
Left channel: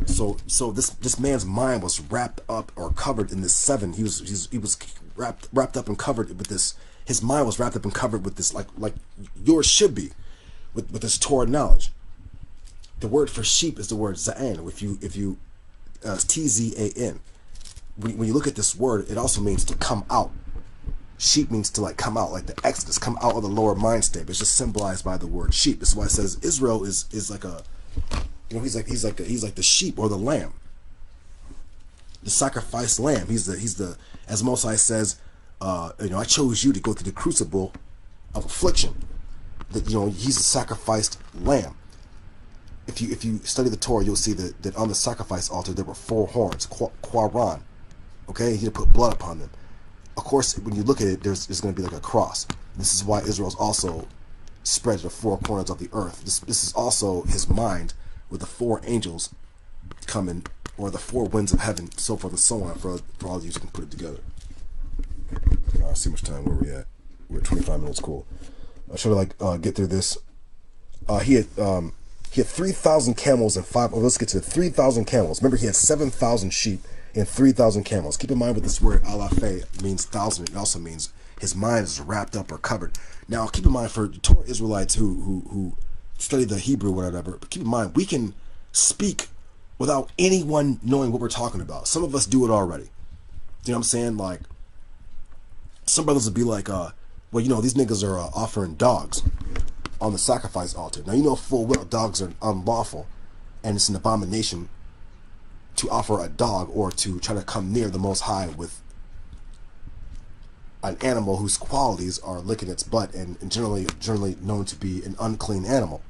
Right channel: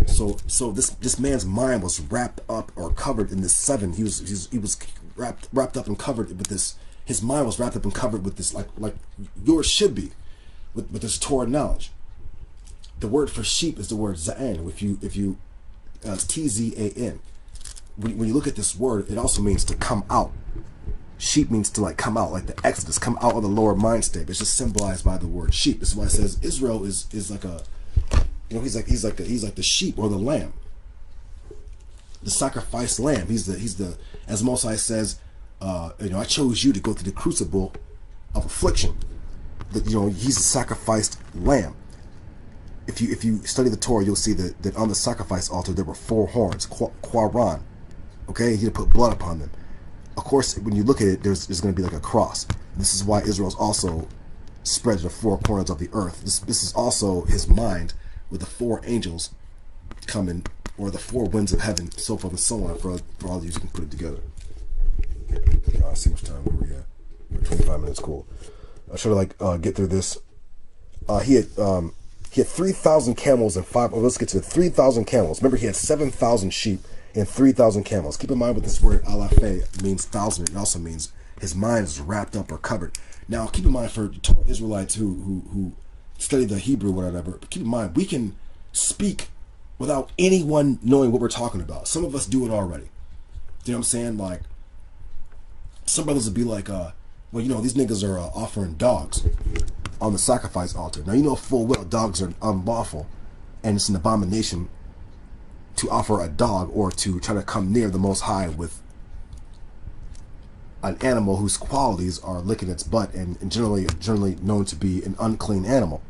So this man's mind was wrapped up or covered in this 7. He was wrapped up and covered with this. His mind was wrapped up and covered with this, like yours should be, with this Torah knowledge. The word for sheep is the word za'an. If you Tzan. When you look at this word, it also means to come out. Sheep means to like come out, like the Exodus, come out of the lower mind state. It's just symbolized by the word sheep. This is why it says Israel is like a, you know, he's like the sheep or the lamb, the sacrificed lamb. He's the as Mosai says, you know, I chose you to go through the crucible of affliction. That, you know, he's a sacrificed lamb. If you study the Torah, you'll see that on the sacrifice altar there were 4 horns, Quaran. Okay, he had put blood upon them. Of course, when you look at it, there's going to be like a cross. This is why Israel's also spread to the 4 corners of the earth. This is also his mind, with the 4 angels coming, or the 4 winds of heaven, so forth and so on. For all of you can put it together. I'll see much time where we at. We're at 25 minutes. Cool. I should get through this. He had 3,000 camels and 5. Oh, let's get to 3,000 camels. Remember, he had 7,000 sheep and 3,000 camels. Keep in mind with this word alafe means 1,000. It also means his mind is wrapped up or covered. Now, keep in mind for Torah Israelites who study the Hebrew or whatever. But keep in mind, we can speak without anyone knowing what we're talking about. Some of us do it already. You know what I'm saying? Like, some brothers would be like, well, you know, these niggas are offering dogs on the sacrifice altar. Now, you know full well dogs are unlawful, and it's an abomination to offer a dog or to try to come near the Most High with an animal whose qualities are licking its butt and generally known to be an unclean animal.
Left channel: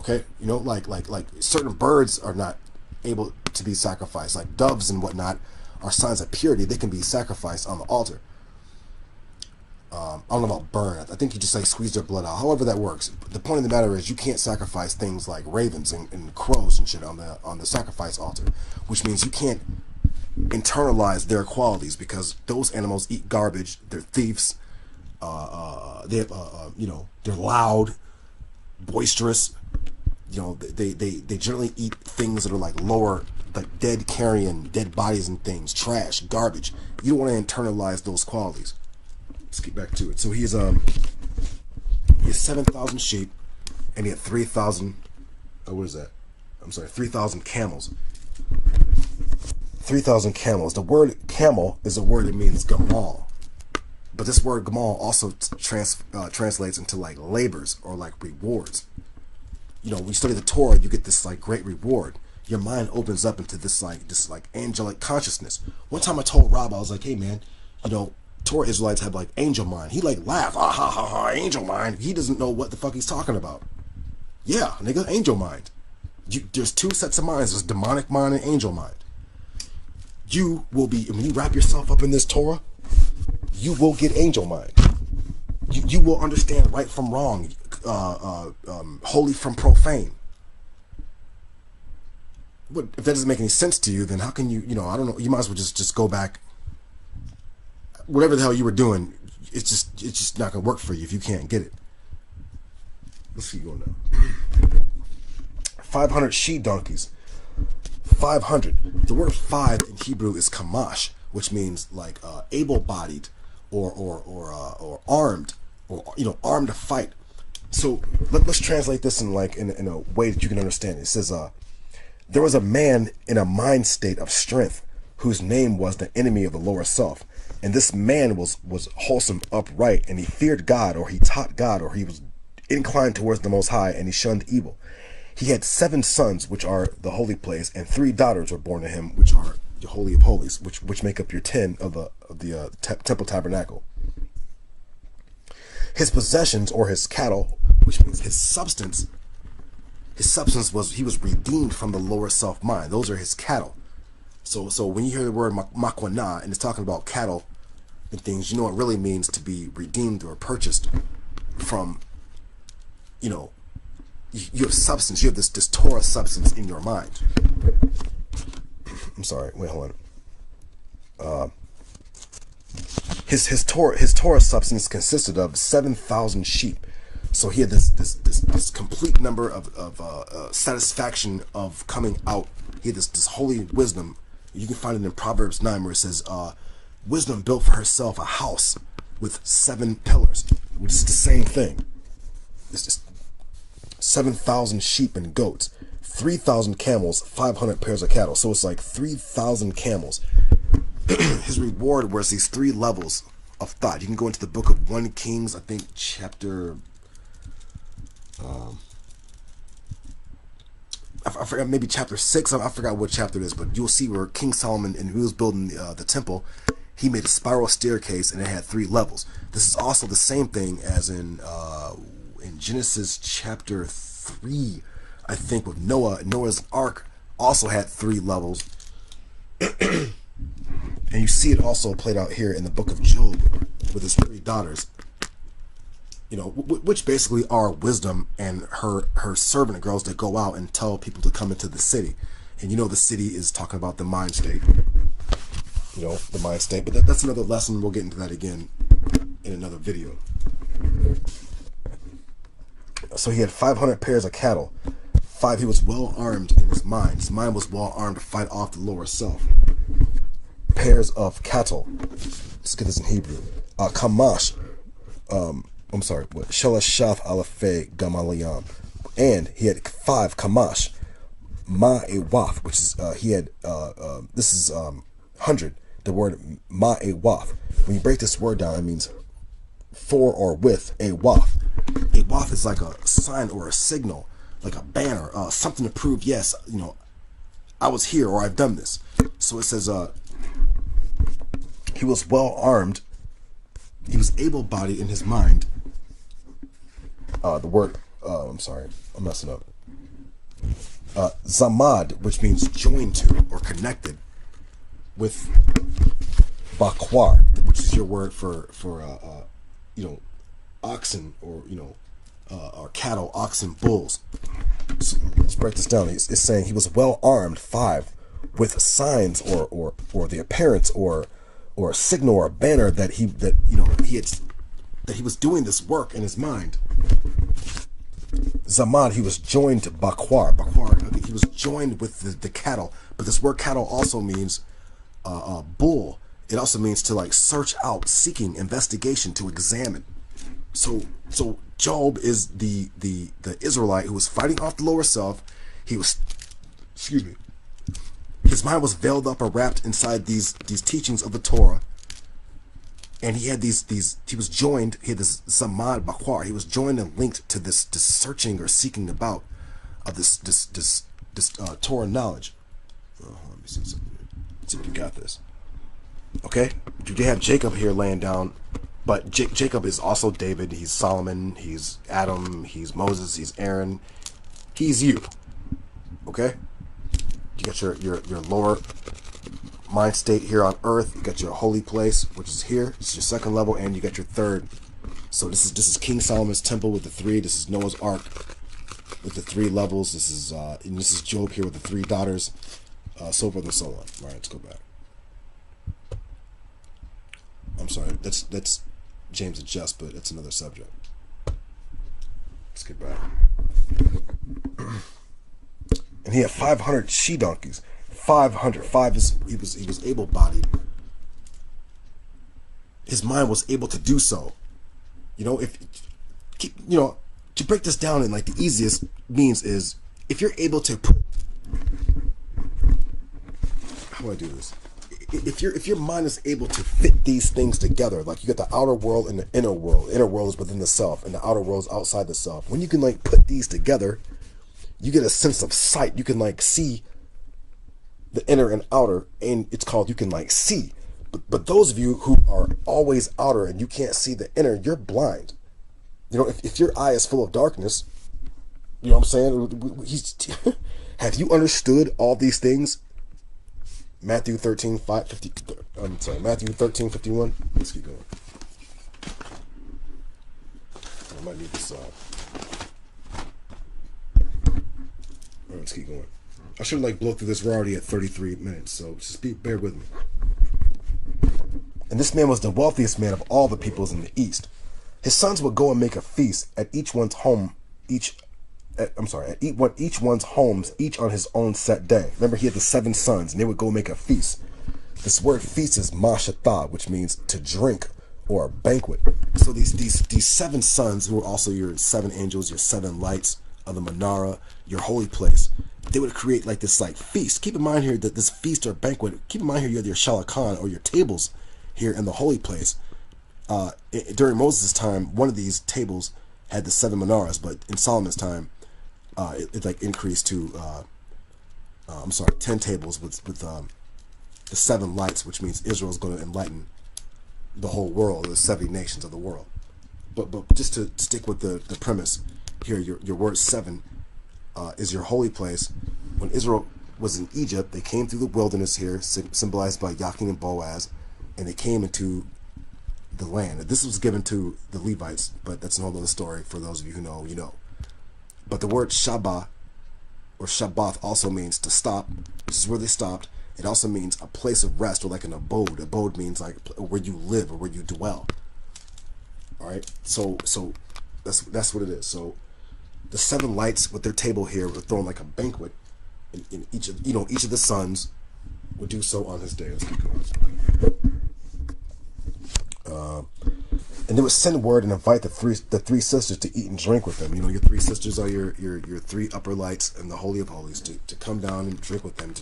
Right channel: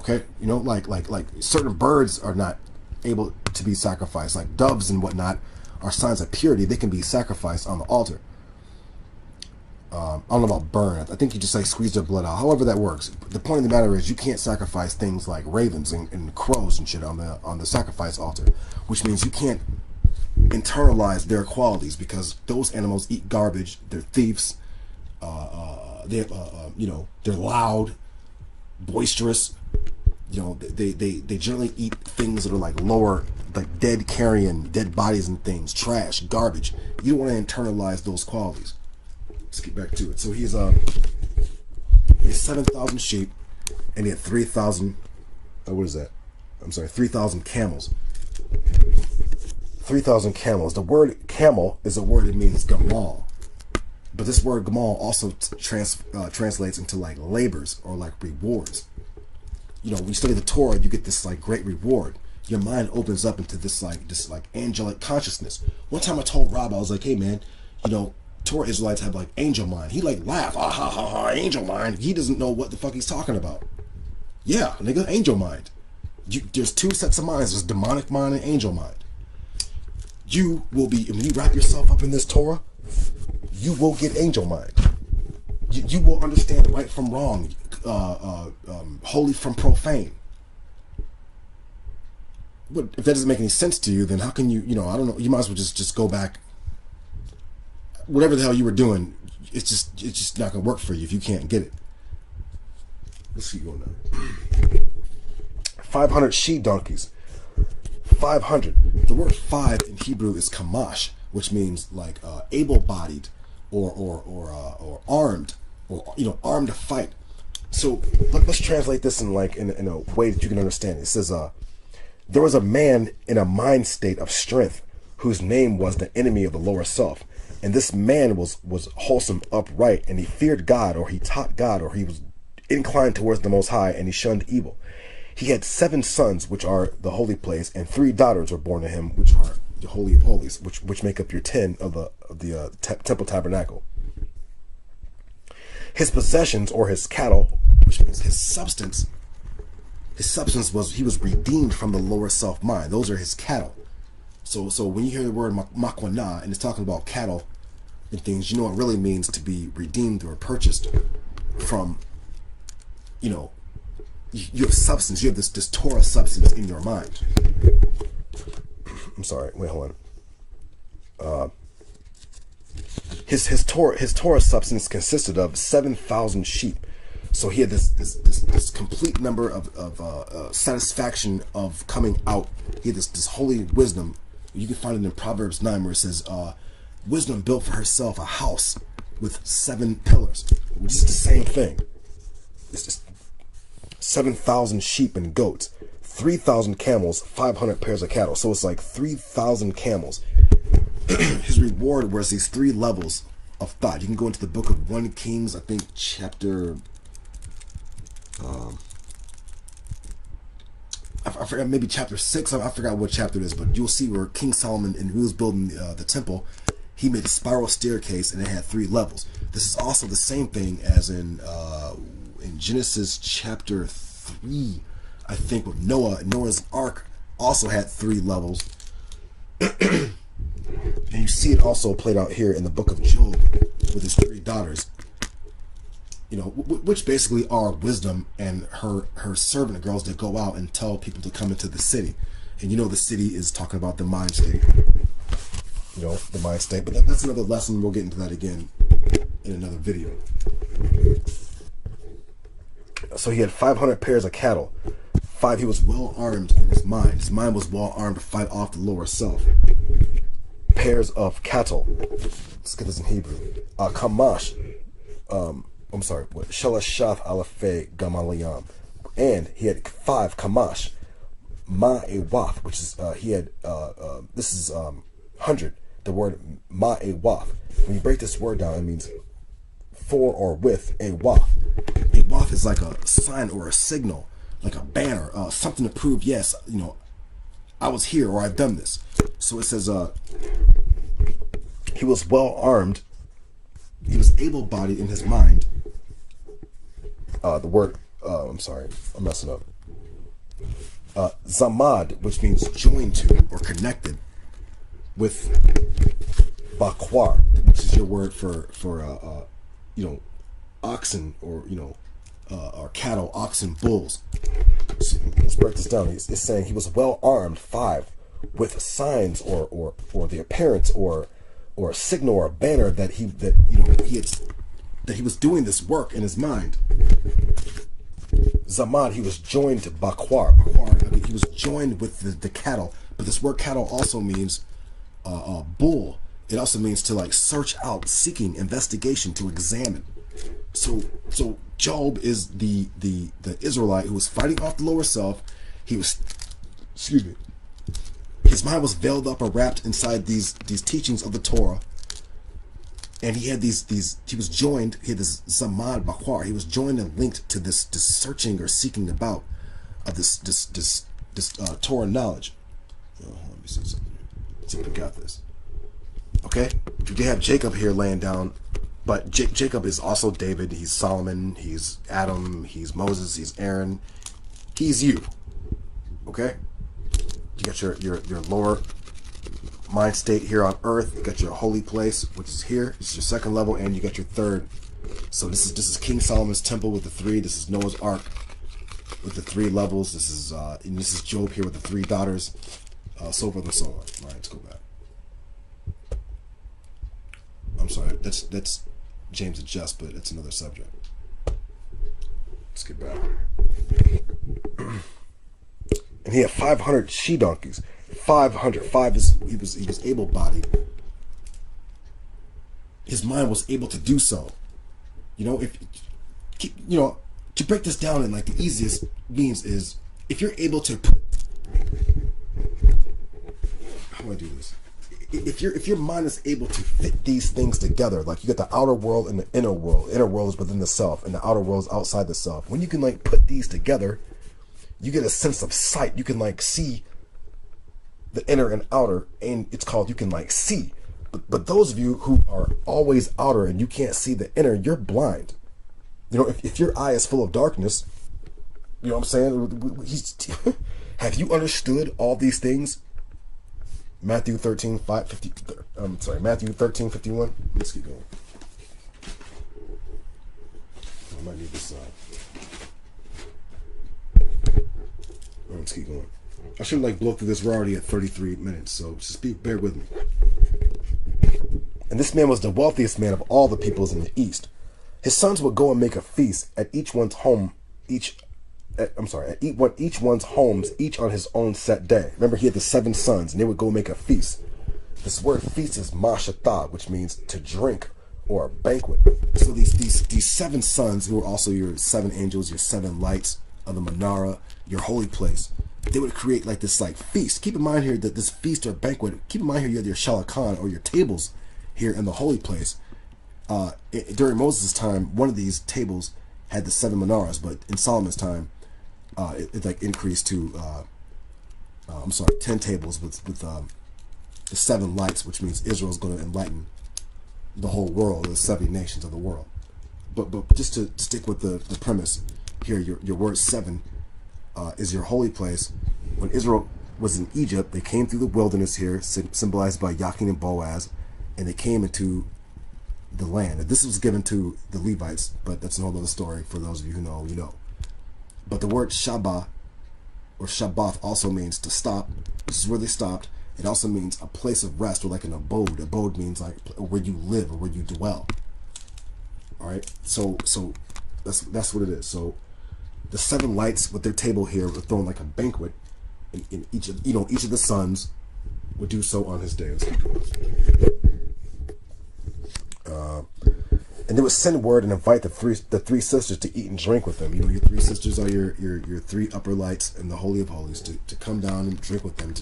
Okay, you know, like certain birds are not able to be sacrificed, like doves and whatnot are signs of purity. They can be sacrificed on the altar. I don't know about burn. I think you just like squeeze their blood out. However that works. The point of the matter is you can't sacrifice things like ravens and crows and shit on the sacrifice altar, which means you can't internalize their qualities because those animals eat garbage. They're thieves. You know, they're loud, boisterous. You know, they generally eat things that are like lower, like dead carrion, dead bodies and things, trash, garbage. You don't want to internalize those qualities. Let's get back to it. So he has 7,000 sheep, and he had 3,000. What is that? I'm sorry, 3,000 camels. 3,000 camels. The word camel is a word that means gamal, but this word gamal also translates into like labors or like rewards. You know, when you study the Torah, you get this like great reward. Your mind opens up into this angelic consciousness. One time I told Rob, I was like, hey man, you know, Torah Israelites have like angel mind. He like laughed, ah ha ha ha, angel mind. He doesn't know what the fuck he's talking about. Yeah, nigga, angel mind. There's 2 sets of minds. There's demonic mind and angel mind. You will be, when you wrap yourself up in this Torah, you will get angel mind. You will understand right from wrong, holy from profane. But if that doesn't make any sense to you, then how can you, you know, I don't know, you might as well just go back. Whatever the hell you were doing, it's just not gonna work for you if you can't get it. Let's keep going now. 500 she donkeys, 500. The word 5 in Hebrew is kamash, which means like able-bodied or armed, or armed to fight. So let's translate this in a way that you can understand it. It says, there was a man in a mind state of strength whose name was the enemy of the lower self. And this man was wholesome, upright, and he feared God, or he taught God, or he was inclined towards the Most High, and he shunned evil. He had 7 sons, which are the holy place, and 3 daughters were born to him, which are the Holy of Holies, which make up your 10 of the temple tabernacle. His possessions, or his cattle, which means his substance was, he was redeemed from the lower self mind. Those are his cattle. So when you hear the word makwana, and it's talking about cattle and things, you know it really means to be redeemed or purchased from, you have substance. You have this Torah substance in your mind. I'm sorry. Wait, hold on. His Torah substance consisted of 7,000 sheep. So he had this complete number of satisfaction of coming out. He had this holy wisdom. You can find it in Proverbs 9, where it says, wisdom built for herself a house with 7 pillars, which is the same thing. It's just 7,000 sheep and goats, 3,000 camels, 500 pairs of cattle. So it's like 3,000 camels. His reward was these 3 levels of thought. You can go into the book of 1 Kings, I think chapter... I forgot, maybe chapter 6. I forgot what chapter it is, but you'll see where King Solomon, and he was building the temple, he made a spiral staircase, and it had 3 levels. This is also the same thing as in Genesis chapter 3, I think, with Noah. Noah's Ark also had 3 levels. And you see it also played out here in the book of Job with his 3 daughters, which basically are wisdom and her servant girls that go out and tell people to come into the city. And the city is talking about the mind state, the mind state. But that's another lesson. We'll get into that again in another video. So he had 500 pairs of cattle. 5, he was well armed in his mind. His mind was well armed to fight off the lower self. Pairs of cattle. Let's get this in Hebrew. Kamash. I'm sorry, what? Shalashaf Alafei Gamaliyam. And he had 5 Kamash. Ma'ewath, which is, he had, this is 100. The word Ma'ewath. When you break this word down, it means for or with a wath. A wath is like a sign or a signal, like a banner, something to prove, yes, I was here or I've done this. So it says, he was well armed. He was able-bodied in his mind. The word, I'm sorry, I'm messing up. Zamad, which means joined to or connected with bakwar, which is your word for oxen or cattle, oxen, bulls. So let's break this down. It's saying he was well armed, 5, with signs or the appearance or a signal or a banner that he was doing this work in his mind. Zamad, he was joined to bakwar. Bakwar, he was joined with the cattle. But this word cattle also means bull. It also means to like search out, seeking, investigation, to examine. So Job is the Israelite who was fighting off the lower self. He was, his mind was veiled up or wrapped inside these teachings of the Torah. And he had he was joined, he had this Zamad Bakwar, he was joined and linked to this searching or seeking about of this Torah knowledge. Let me see something. Let's see if we got this. Okay, you have Jacob here laying down, but Jacob is also David, he's Solomon, he's Adam, he's Moses, he's Aaron, he's you. Okay? You got your lower mind state here on earth. You got your holy place, which is here. This is your 2nd level, and you got your 3rd. So this is King Solomon's temple with the 3. This is Noah's Ark with the 3 levels. This is Job here with the 3 daughters. So forth and so on. All right, let's go back. I'm sorry, that's James and Just, but it's another subject. Let's get back. And he had 500 she donkeys, 500. 5 is he was able-bodied. His mind was able to do so. You know, if you know, to break this down in like the easiest means is if you're able to put, how do I do this? If your mind is able to fit these things together, like you got the outer world and the inner world. Inner world is within the self, and the outer world is outside the self. When you can like put these together, you get a sense of sight. You can like see the inner and outer, and it's called you can like see. But those of you who are always outer and you can't see the inner, you're blind. You know, if your eye is full of darkness, you know what I'm saying? Have you understood all these things? Matthew 13, 5, 50, I'm sorry, Matthew 13, 51. Let's keep going. I might need this. Let's keep going. I should like blow through this. We're already at 33 minutes, so just bear with me. And this man was the wealthiest man of all the peoples in the east. His sons would go and make a feast at each one's home, each one's homes, each on his own set day. Remember, he had the 7 sons, and they would go make a feast. This word feast is mashatah, which means to drink or a banquet. So these 7 sons, who are also your 7 angels, your 7 lights of the menorah, your holy place, they would create like this like feast. Keep in mind here that this feast or banquet, keep in mind here you have your shalakan or your tables here in the holy place. During Moses' time, one of these tables had the 7 menorahs, but in Solomon's time, it like increased to 10 tables with the 7 lights, which means Israel's going to enlighten the whole world, the 70 nations of the world. But just to stick with the premise here, your word 7 is your holy place. When Israel was in Egypt, they came through the wilderness here, symbolized by Yakin and Boaz, and they came into the land. This was given to the Levites, but that's a whole other story. For those of you who know, you know. But the word Shabbat or Shabbath also means to stop. This is where they stopped. It also means a place of rest or like an abode. Abode means like where you live or where you dwell. All right. So that's what it is. So the 7 lights with their table here were thrown like a banquet, in each of the sons would do so on his day. Let's keep going. And they would send word and invite the three sisters to eat and drink with them. You know, your 3 sisters are your 3 upper lights in the Holy of Holies to come down and drink with them,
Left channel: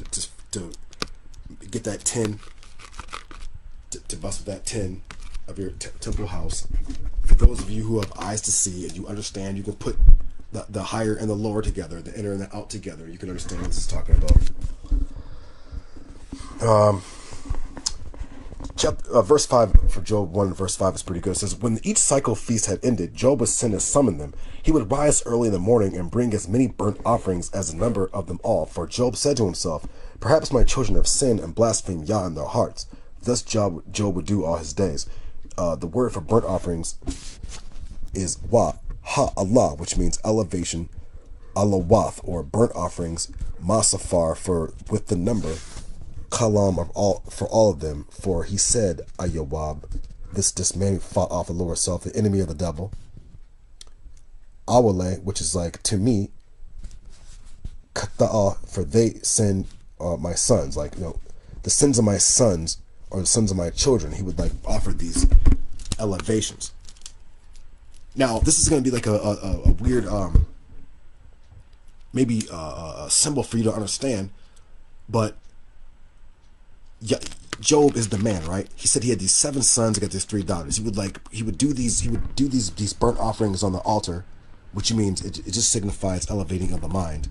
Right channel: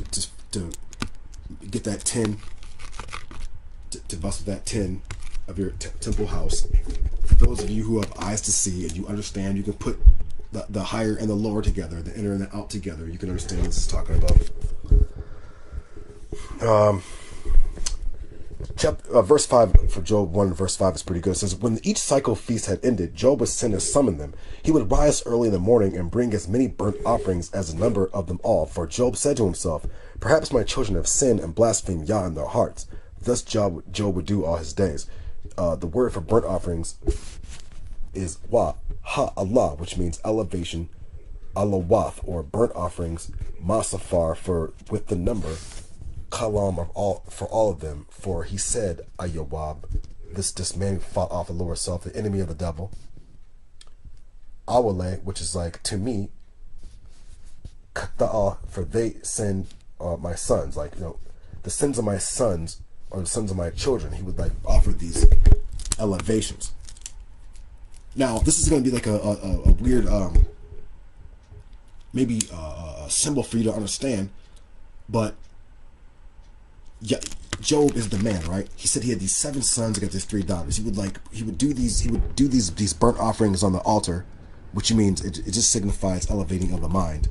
to get that tin, to bust with that tin of your temple house. For those of you who have eyes to see and you understand, you can put the higher and the lower together, the inner and the out together. You can understand what this is talking about. Verse 5 for Job 1, verse 5 is pretty good. It says, when each cycle feast had ended, Job would send and summon them. He would rise early in the morning and bring as many burnt offerings as the number of them all. For Job said to himself, perhaps my children have sinned and blasphemed Yah in their hearts. Thus Job would do all his days. The word for burnt offerings is Allah, which means elevation, alawath, or burnt offerings, masafar, for with the number, kalam for all of them. For he said, Ayawab, this man fought off the lower self, the enemy of the devil. Awale, which is like to me, kata'a, for they send my sons, like, you know, the sins of my sons or the sons of my children. He would like offer these elevations. Now, this is going to be like a weird, maybe a symbol for you to understand, but yeah, Job is the man, right? He said he had these 7 sons, he got these 3 daughters. He would do these burnt offerings on the altar, which means it just signifies elevating of the mind.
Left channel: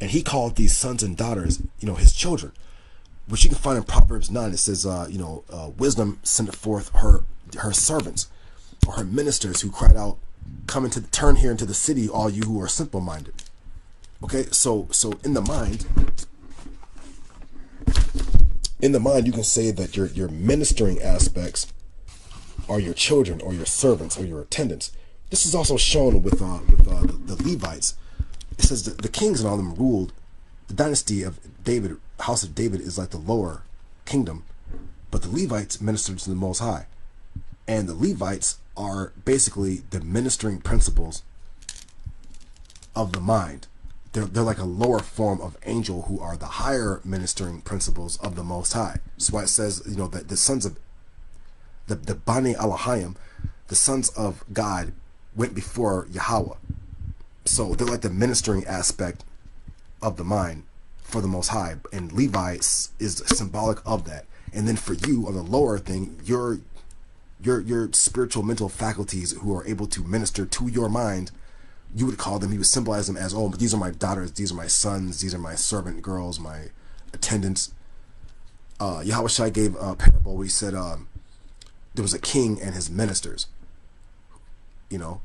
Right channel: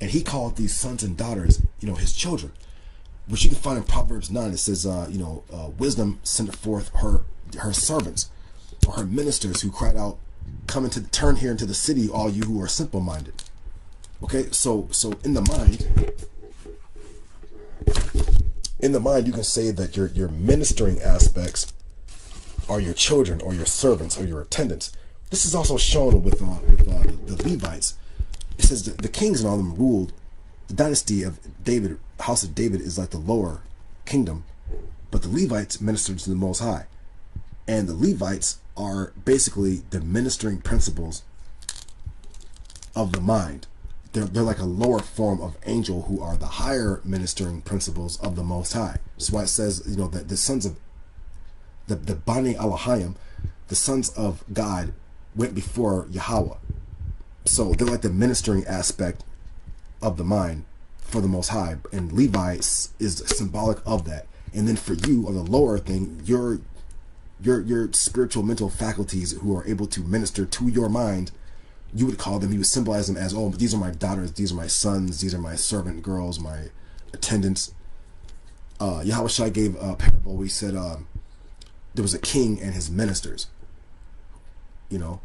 And he called these sons and daughters, you know, his children, which you can find in Proverbs 9. It says, wisdom sent forth her servants, or her ministers, who cried out, turn here into the city, all you who are simple minded. Okay, so in the mind, you can say that your ministering aspects are your children or your servants or your attendants. This is also shown with the Levites. It says the kings and all of them ruled. The dynasty of David, house of David, is like the lower kingdom, but the Levites ministered to the Most High. And the Levites are basically the ministering principles of the mind. they're like a lower form of angel who are the higher ministering principles of the Most High. That's why it says, you know, that the sons of the Bani Elohim, the sons of God, went before Yahweh. So they're like the ministering aspect of the mind for the Most High, and Levi is symbolic of that. And then for you, on the lower thing, your spiritual mental faculties who are able to minister to your mind, you would call them, you would symbolize them as, oh, these are my daughters, these are my sons, these are my servant girls, my attendants. Yahweh Shai gave a parable where he said there was a king and his ministers. You know,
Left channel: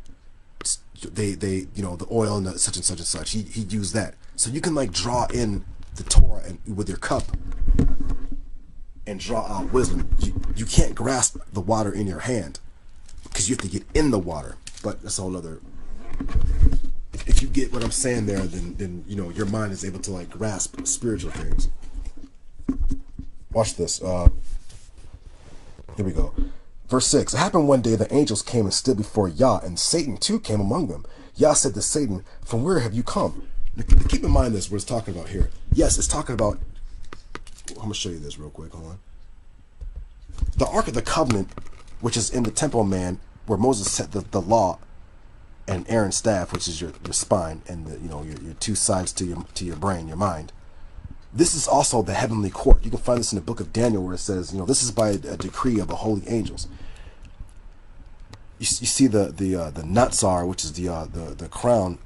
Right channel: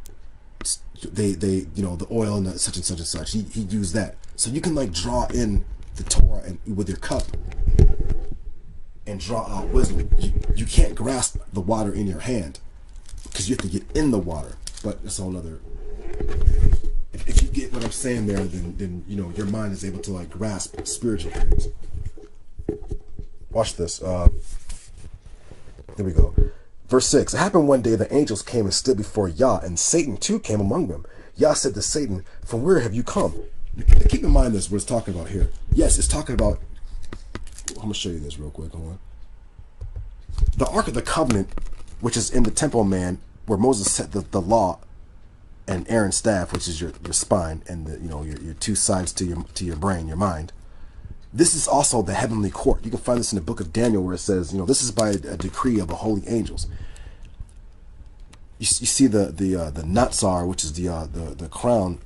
they you know, the oil and the such and such and such. He used that. So you can like draw in the Torah and with your cup and draw out wisdom. You can't grasp the water in your hand because you have to get in the water. But that's a whole other. If you get what I'm saying there, then you know your mind is able to like grasp spiritual things. Watch this. Here we go. Verse 6. It happened one day the angels came and stood before Yah, and Satan too came among them. Yah said to Satan, "From where have you come?" Now, keep in mind this, what it's talking about here. Yes, it's talking about. I'm gonna show you this real quick. Hold on. The Ark of the Covenant, which is in the temple, man, where Moses set the law, and Aaron's staff, which is your spine, and the, you know, your two sides to your brain, your mind. This is also the heavenly court. You can find this in the book of Daniel, where it says, you know, this is by a decree of the holy angels. You see the Natsar, which is the crown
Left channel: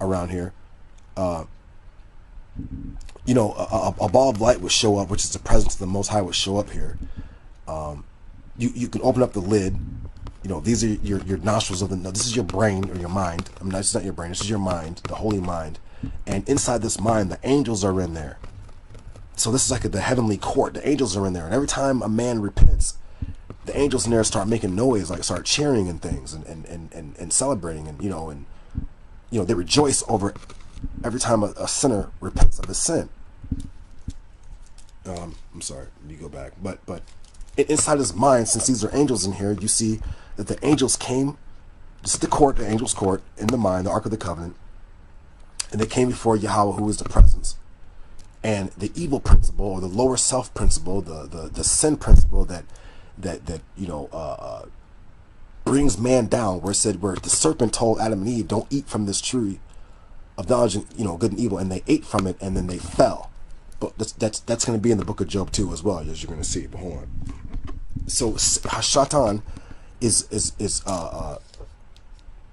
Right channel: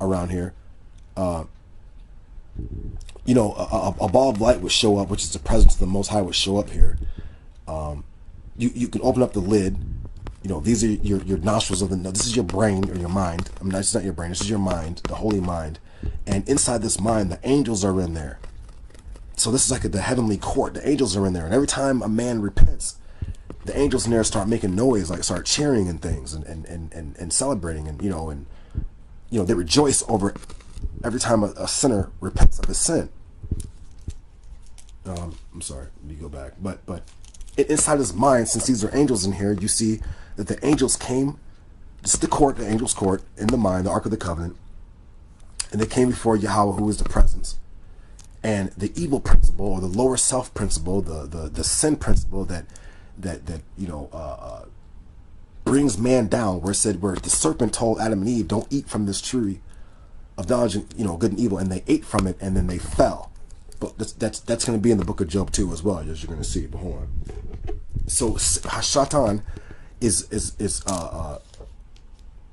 around here. You know, a ball of light would show up, which is the presence of the Most High would show up here. You can open up the lid. You know, these are your nostrils of the. This is your brain or your mind. I mean, this is not your brain. This is your mind, the holy mind. And inside this mind, the angels are in there. So this is like the heavenly court. The angels are in there, and every time a man repents, the angels in there start making noise, like start cheering and things, and celebrating, and you know they rejoice over every time a sinner repents of his sin. I'm sorry, let me go back, but inside his mind, since these are angels in here, you see that the angels came. This is the court, the angels' court in the mind, the Ark of the Covenant, and they came before Yahweh, who is the presence. And the evil principle, or the lower self principle, the sin principle that you know brings man down, where the serpent told Adam and Eve, don't eat from this tree of knowledge, you know, good and evil, and they ate from it, and then they fell. But that's going to be in the book of Job too, as well, as you're going to see. But hold on. So Hashatan is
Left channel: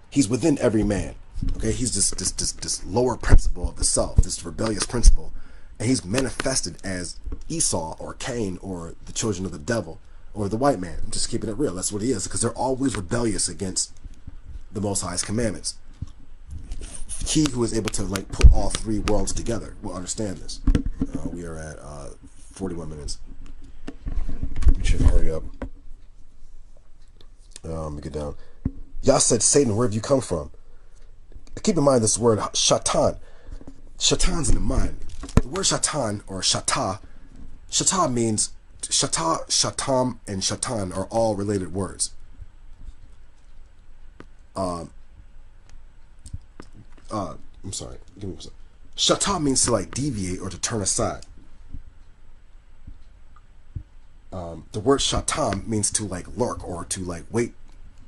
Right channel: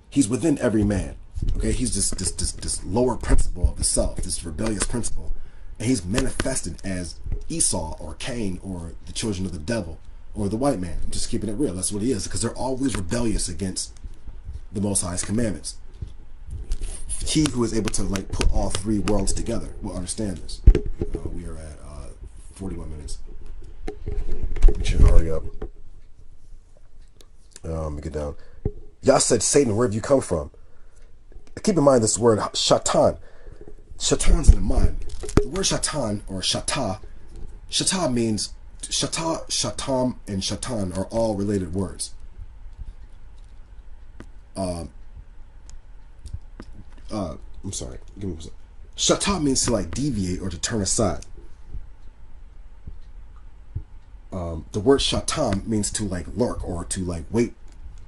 he's within every man. Okay, he's this lower principle of the self, this rebellious principle. And he's manifested as Esau or Cain or the children of the devil or the white man. I'm just keeping it real. That's what he is, because they're always rebellious against the Most High's commandments. He who is able to like put all three worlds together will understand this. We are at 41 minutes. We should hurry up. Let me get down. Yah said, Satan, where have you come from? Keep in mind this word shatan. Shatan's in the mind. The word shatan or shata means shata, shatam, and shatan are all related words. I'm sorry. Give me a second. Shata means to like deviate or to turn aside. The word shatam means to like lurk or to like wait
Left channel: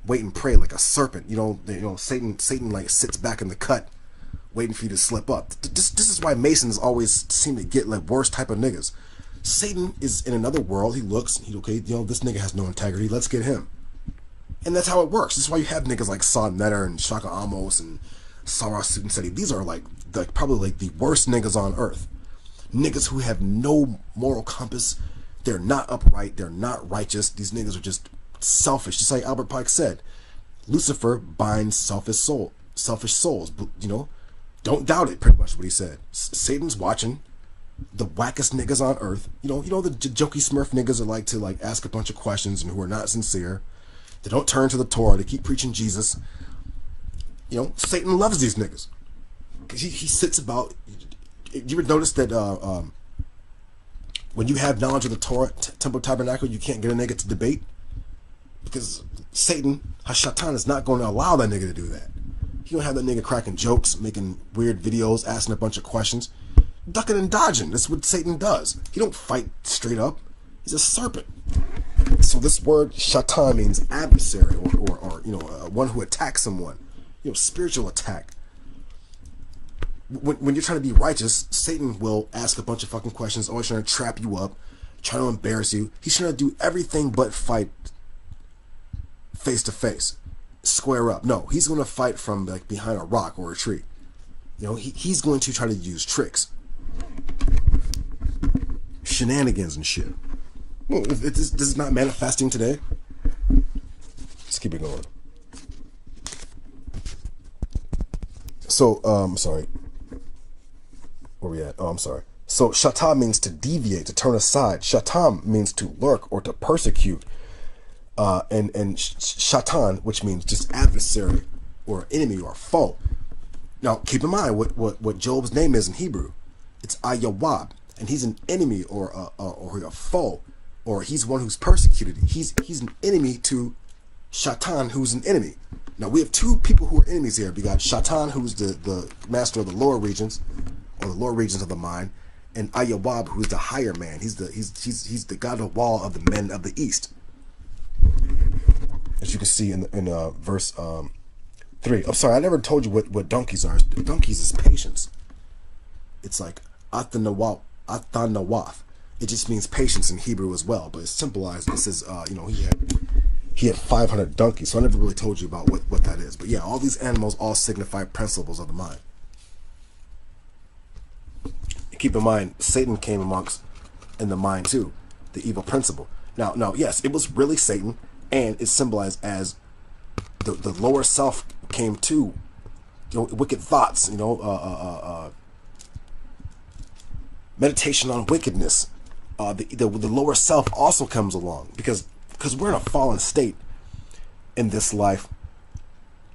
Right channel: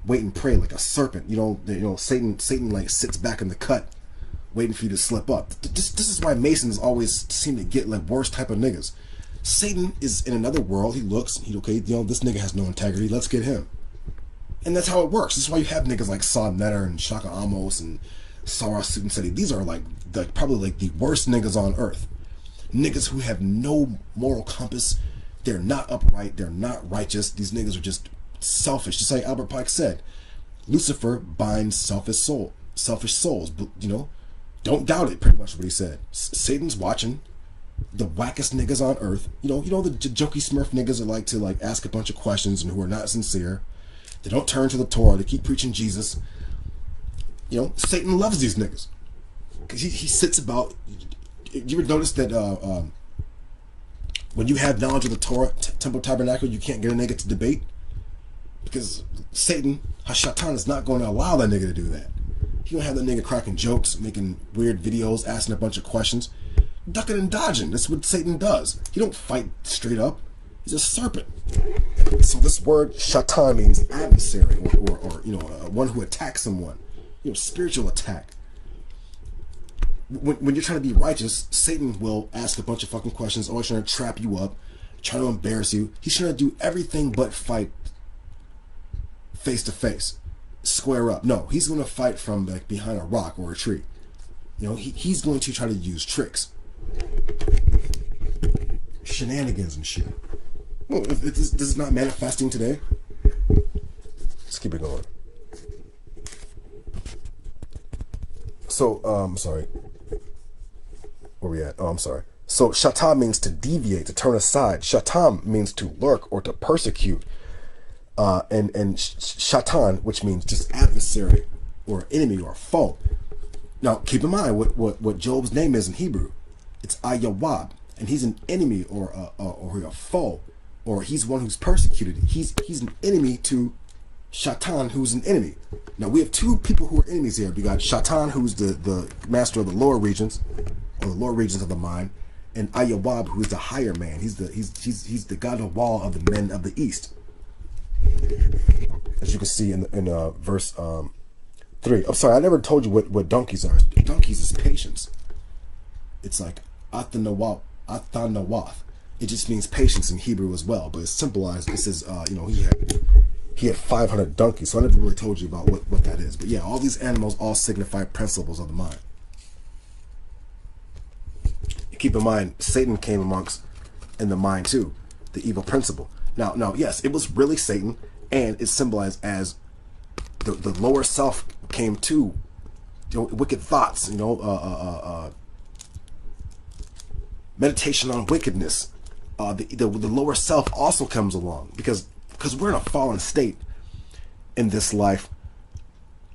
and pray like a serpent. You know, Satan like sits back in the cut, waiting for you to slip up. This is why Masons always seem to get like worst type of niggas. Satan is in another world. He looks, okay, you know, this nigga has no integrity. Let's get him. And that's how it works. This is why you have niggas like Saw Netter and Shaka Amos and Sarah Sutton. These are like probably like the worst niggas on earth. Niggas who have no moral compass. They're not upright. They're not righteous. These niggas are just selfish. Just like Albert Pike said, Lucifer binds selfish souls. You know, don't doubt it. Pretty much what he said. Satan's watching the wackest niggas on earth. You know the jokey Smurf niggas that like to like ask a bunch of questions and who are not sincere. They don't turn to the Torah. They keep preaching Jesus. You know, Satan loves these niggas because he sits about. You ever notice that when you have knowledge of the Torah, Temple Tabernacle, you can't get a nigga to debate because Satan, Hashatan, is not going to allow that nigga to do that. He gonna have that nigga cracking jokes, making weird videos, asking a bunch of questions, ducking and dodging. That's what Satan does. He don't fight straight up. He's a serpent. So this word shatan means adversary, or one who attacks someone. Spiritual attack. When you're trying to be righteous, Satan will ask a bunch of fucking questions, always trying to trap you up, trying to embarrass you. He's trying to do everything but fight face to face, square up. No, he's going to fight from like behind a rock or a tree. He's going to try to use tricks, shenanigans and shit. Well, if this is not manifesting today, let's keep it going. So, sorry. Where we at? Oh, I'm sorry. So, shatan means to deviate, to turn aside. Shatan means to lurk or to persecute. And shatan, which means just adversary or enemy or foe. Now, keep in mind what Job's name is in Hebrew. It's Ayawab, and he's an enemy or a foe, or he's one who's persecuted. He's an enemy to Shatan, who's an enemy. Now, we have two people who are enemies here. We got Shatan, who's the master of the lower regions, or the lower regions of the mind, and Ayawab, who's the higher man. He's the god of war of the men of the east. As you can see in verse 3. I'm sorry, I never told you what donkeys are. Donkeys is patience. It's like Athanawath. It just means patience in Hebrew as well, but it's symbolized. It says, he had 500 donkeys, so I never really told you about what that is. But yeah, all these animals all signify principles of the mind. Keep in mind, Satan came amongst in the mind too, the evil principle. Now, yes, it was really Satan, and it's symbolized as the lower self came to, wicked thoughts, meditation on wickedness. The lower self also comes along because we're in a fallen state in this life.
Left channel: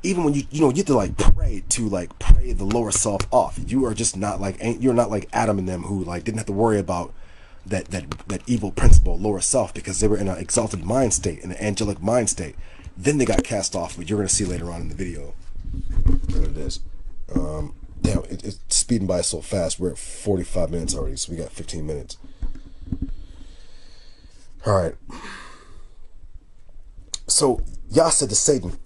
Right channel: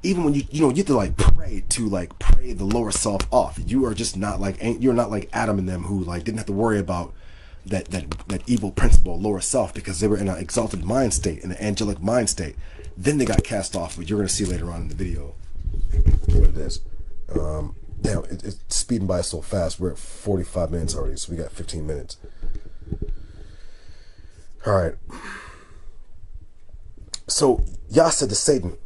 Even when you have to pray the lower self off. You are just not you're not like Adam and them who didn't have to worry about that evil principle, lower self, because they were in an exalted mind state, in an angelic mind state. Then they got cast off, but you're going to see later on in the video what it is. Damn, it's speeding by so fast. We're at 45 minutes already, so we got 15 minutes. All right. So Yah said to Satan,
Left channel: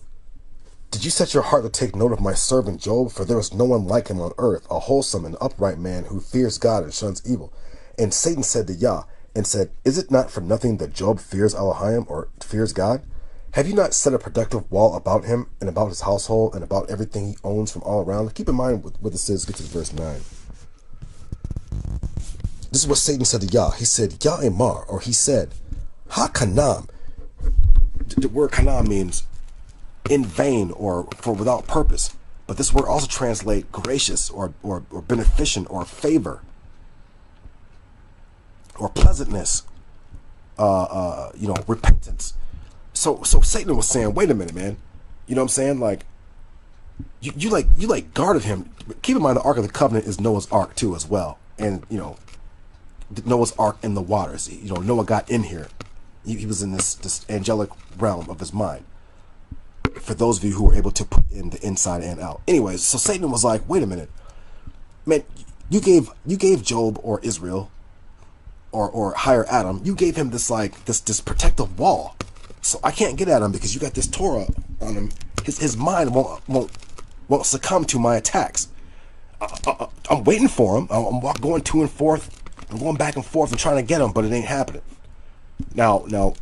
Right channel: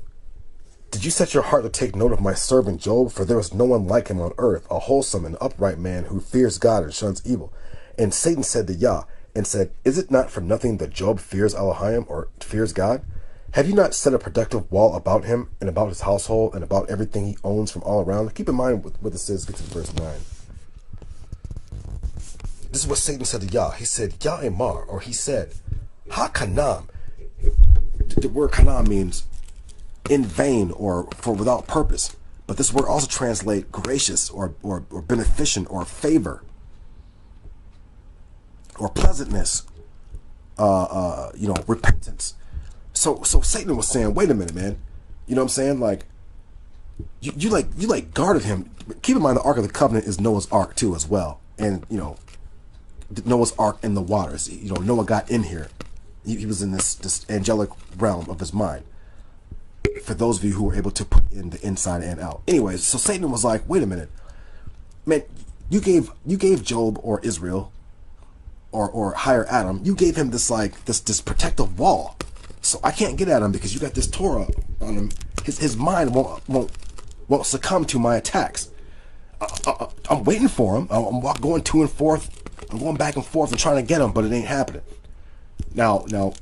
"Did you set your heart to take note of my servant Job? For there is no one like him on earth, a wholesome and upright man who fears God and shuns evil." And Satan said to Yah, and said, "Is it not for nothing that Job fears Elohim, or fears God? Have you not set a protective wall about him and about his household and about everything he owns from all around?" Keep in mind what this is. Get to verse 9. This is what Satan said to Yah. He said, "Yah Emar," or he said, "Ha-kanam." The word kanam means in vain or for without purpose. But this word also translates gracious or beneficent or favor or pleasantness, repentance. So Satan was saying, wait a minute, man. You know what I'm saying? Like, you guarded him. Keep in mind, the Ark of the Covenant is Noah's Ark too, as well. And, Noah's Ark in the waters. Noah got in here. He was in this angelic realm of his mind. For those of you who were able to put in the inside and out. Anyways, so Satan was like, wait a minute. Man, you gave Job or Israel or higher Adam, you gave him this protective wall. So I can't get at him because you got this Torah on him. His mind won't succumb to my attacks. I'm waiting for him. I'm going to and forth. I'm going back and forth and trying to get him, but it ain't happening. Now,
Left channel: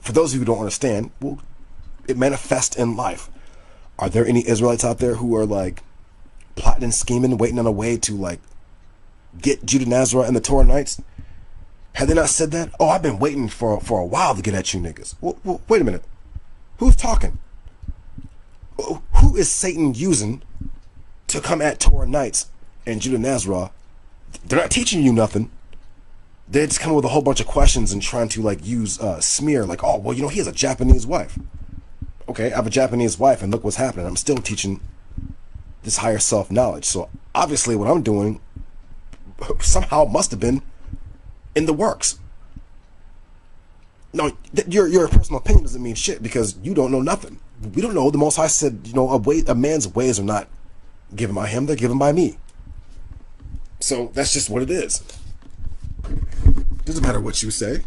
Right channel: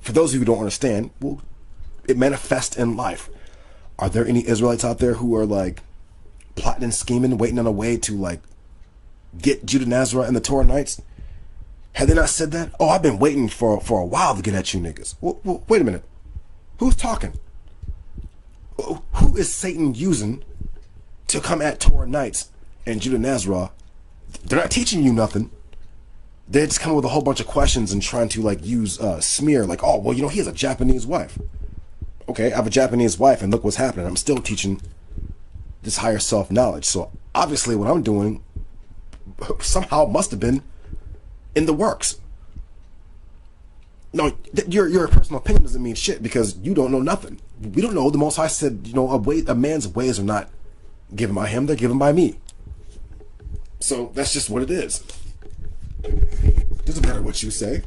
for those of you who don't understand, well, it manifests in life. Are there any Israelites out there who are plotting and scheming, waiting on a way to get Judah Nazareth and the Torahnites? Have they not said that? Oh, I've been waiting for a while to get at you niggas. Well, wait a minute. Who's talking? Who is Satan using to come at Torahnites and Judah Nazareth? They're not teaching you nothing. They're just coming with a whole bunch of questions and trying to use smear. He has a Japanese wife. Okay, I have a Japanese wife and look what's happening. I'm still teaching this higher self-knowledge. So obviously what I'm doing somehow must have been in the works. No, your personal opinion doesn't mean shit because you don't know nothing. We don't know. The Most High said, you know, a man's ways are not given by him, they're given by me. So that's just what it is. Doesn't matter what you say.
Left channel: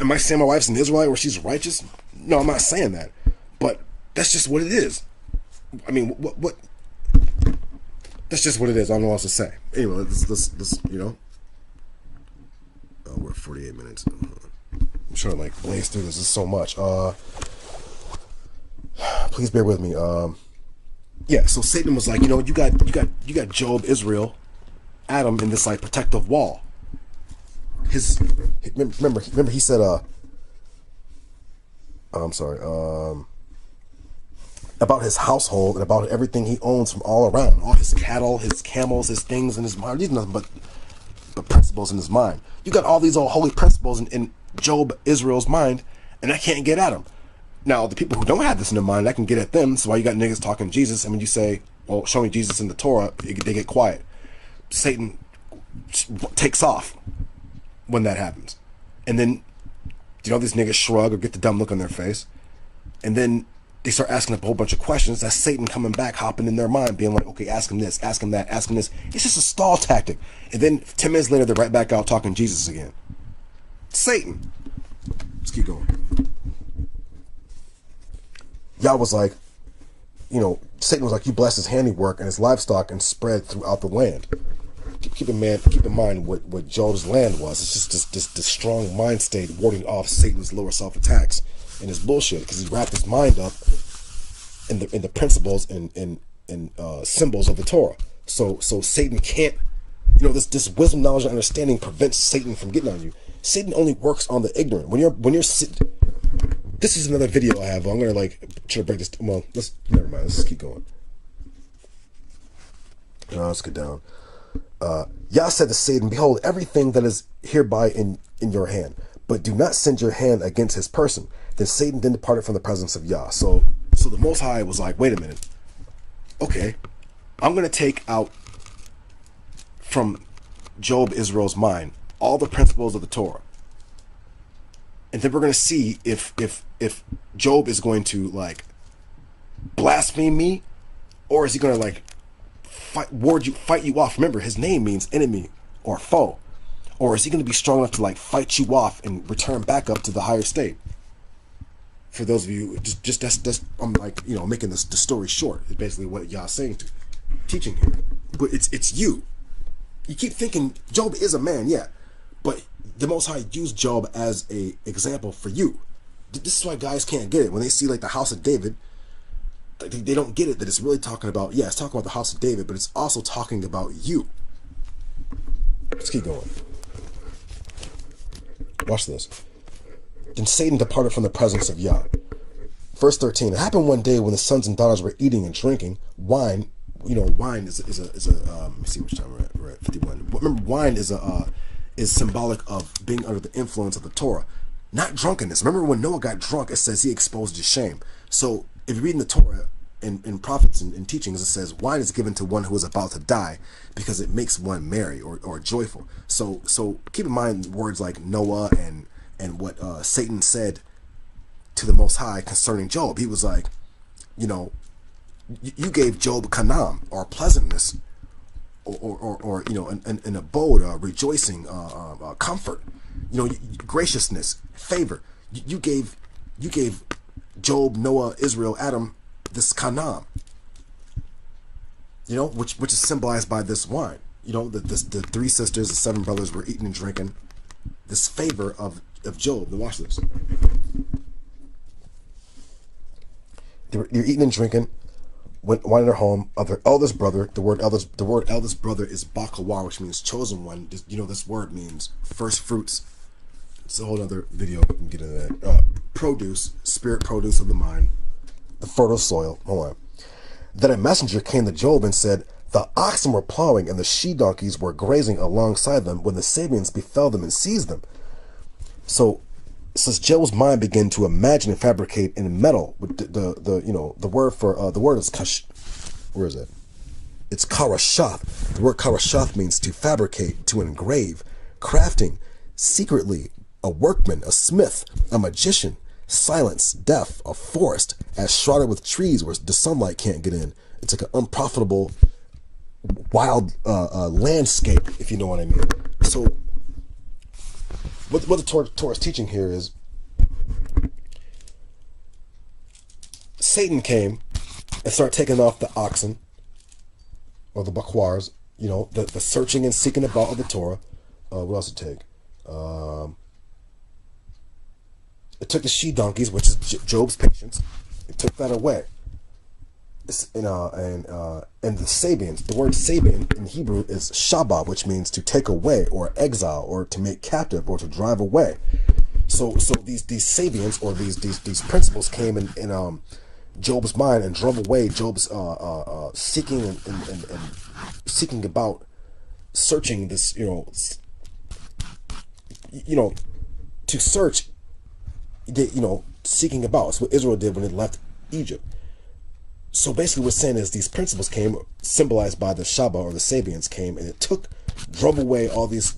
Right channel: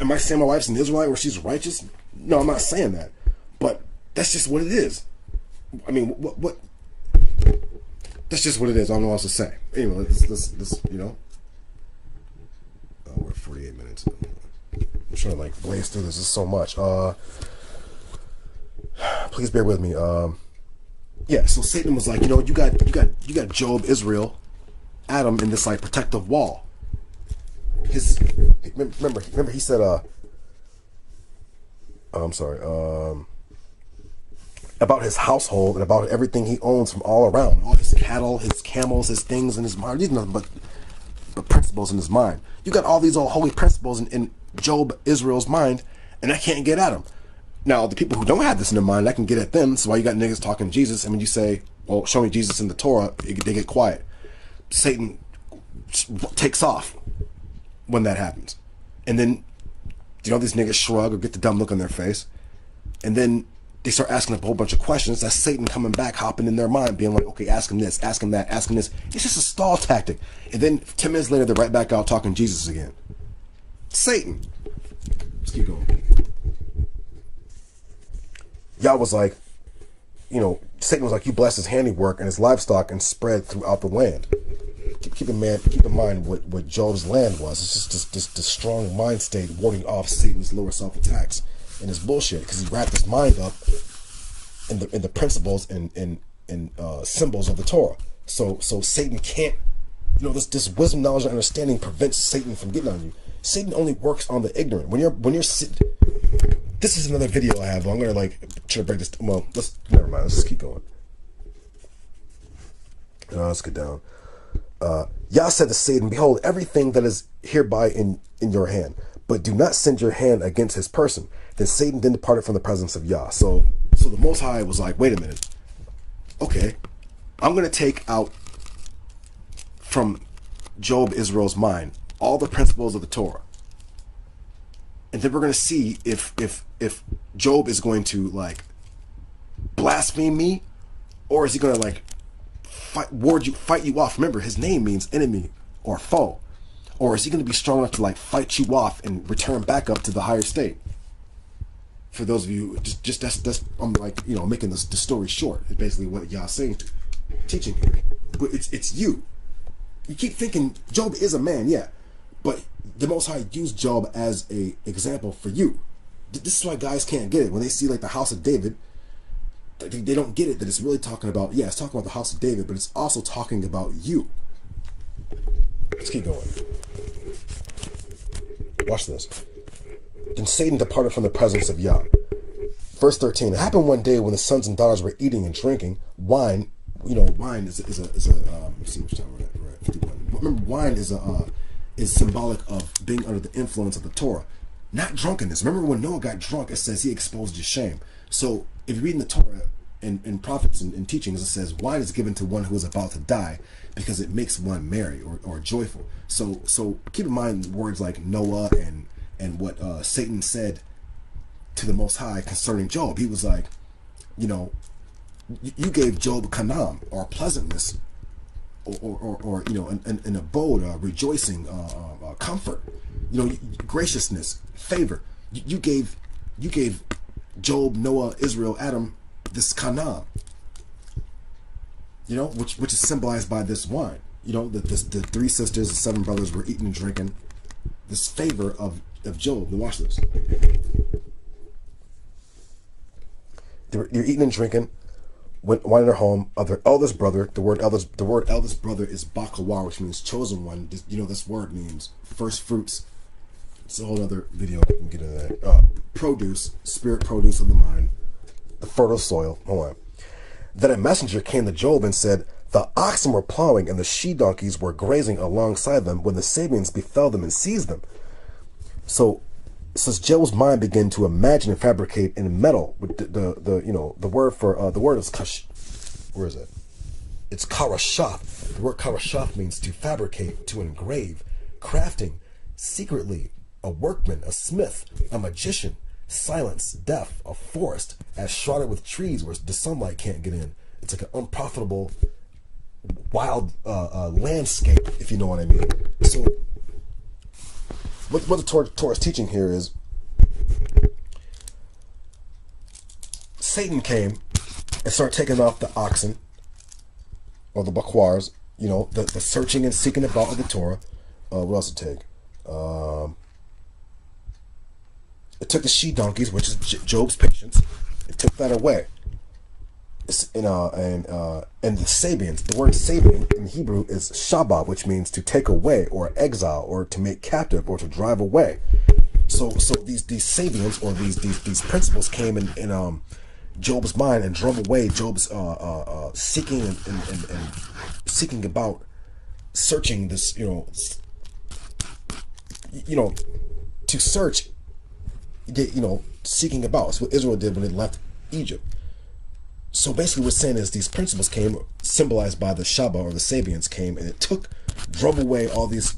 Am I saying my wife's an Israelite or she's righteous? No, I'm not saying that. But that's just what it is. I mean, what? That's just what it is. I don't know what else to say. Anyway, let's you know. Oh, we're at 48 minutes. I'm trying to like blaze through this. There's so much. Please bear with me. Yeah. So Satan was like, you know, you got Job, Israel, Adam in this like protective wall. Remember he said I'm sorry, about his household and about everything he owns from all around, all his cattle, his camels, his things in his mind. These nothing but principles in his mind. You got all these old holy principles in Job, Israel's mind, and I can't get at them. Now, the people who don't have this in their mind, I can get at them. So why you got niggas talking Jesus, and when you say, well, show me Jesus in the Torah, they get quiet. Satan takes off when that happens. And then, you know, these niggas shrug or get the dumb look on their face. And then they start asking a whole bunch of questions. That's Satan coming back, hopping in their mind, being like, okay, ask him this, ask him that, ask him this. It's just a stall tactic. And then 10 minutes later, they're right back out talking Jesus again. Satan. Let's keep going. Y'all was like, you know, Satan was like, you bless his handiwork and his livestock and spread throughout the land. Keep in mind what Job's land was. It's just this strong mind state warding off Satan's lower self attacks and his bullshit, because he wrapped his mind up in the principles and symbols of the Torah. So Satan can't, you know, this wisdom, knowledge, and understanding prevents Satan from getting on you. Satan only works on the ignorant. When you're this is another video I have. I'm gonna like try to break this. Well, never mind. Let's just keep going. Let's get down. Yah said to Satan, behold, everything that is hereby in your hand, but do not send your hand against his person. Then Satan then departed from the presence of Yah. So the Most High was like, wait a minute. Okay, I'm going to take out from Job, Israel's mind, all the principles of the Torah. And then we're going to see if Job is going to like blaspheme me, or is he going to like fight you off. Remember, his name means enemy or foe. Or is he going to be strong enough to like fight you off and return back up to the higher state? For those of you, just that's I'm like, you know, making the story short. It's basically what y'all saying, teaching here. But it's you. You keep thinking Job is a man, yeah, but the Most High used Job as a example for you. This is why guys can't get it when they see like the house of David. They don't get it that it's really talking about, yeah, it's talking about the house of David, but it's also talking about you. Let's keep going. Watch this. Then Satan departed from the presence of Yah. Verse 13. It happened one day when the sons and daughters were eating and drinking wine. You know, wine is a let me see which time we're at 51. Remember, wine is symbolic of being under the influence of the Torah, not drunkenness. Remember when Noah got drunk, it says he exposed his shame. So if you're reading the Torah in prophets and teachings, it says wine is given to one who is about to die because it makes one merry or joyful. So keep in mind words like Noah and what Satan said to the Most High concerning Job. He was like, you know, you gave Job kanam, or pleasantness, or you know, an abode, rejoicing, comfort, you know, graciousness, favor. You gave Job, Noah, Israel, Adam this kanam, you know, which is symbolized by this wine. You know, the three sisters, the seven brothers were eating and drinking this favor of Job. Now watch this. They're eating and drinking wine in their home of their eldest brother. The word eldest brother is bakawar, which means chosen one. You know, this word means first fruits. It's a whole other video. We can get into that. Produce, spirit produce of the mind, the fertile soil. Hold on. Then a messenger came to Job and said, the oxen were plowing and the she-donkeys were grazing alongside them when the Sabians befell them and seized them. So since Job's mind began to imagine and fabricate in metal, with the word for the word is where is it? It's karashath. The word karashath means to fabricate, to engrave, crafting, secretly, a workman, a smith, a magician, silence, death, a forest as shrouded with trees where the sunlight can't get in. It's like an unprofitable, wild landscape, if you know what I mean. So what the Torah is teaching here is Satan came and started taking off the oxen or the bakwars, you know, the searching and seeking about of the Torah. What else did it take? It took the she-donkeys, which is Job's patience. It took that away. And the Sabians, the word Sabian in Hebrew is Shabbat, which means to take away or exile or to make captive or to drive away. So these Sabians or these principles came in Job's mind and drove away Job's seeking and seeking about, searching this, to search, seeking about. That's what Israel did when it left Egypt. So basically what's saying is these principles came, symbolized by the Shabbat or the Sabians came, and it drove away all these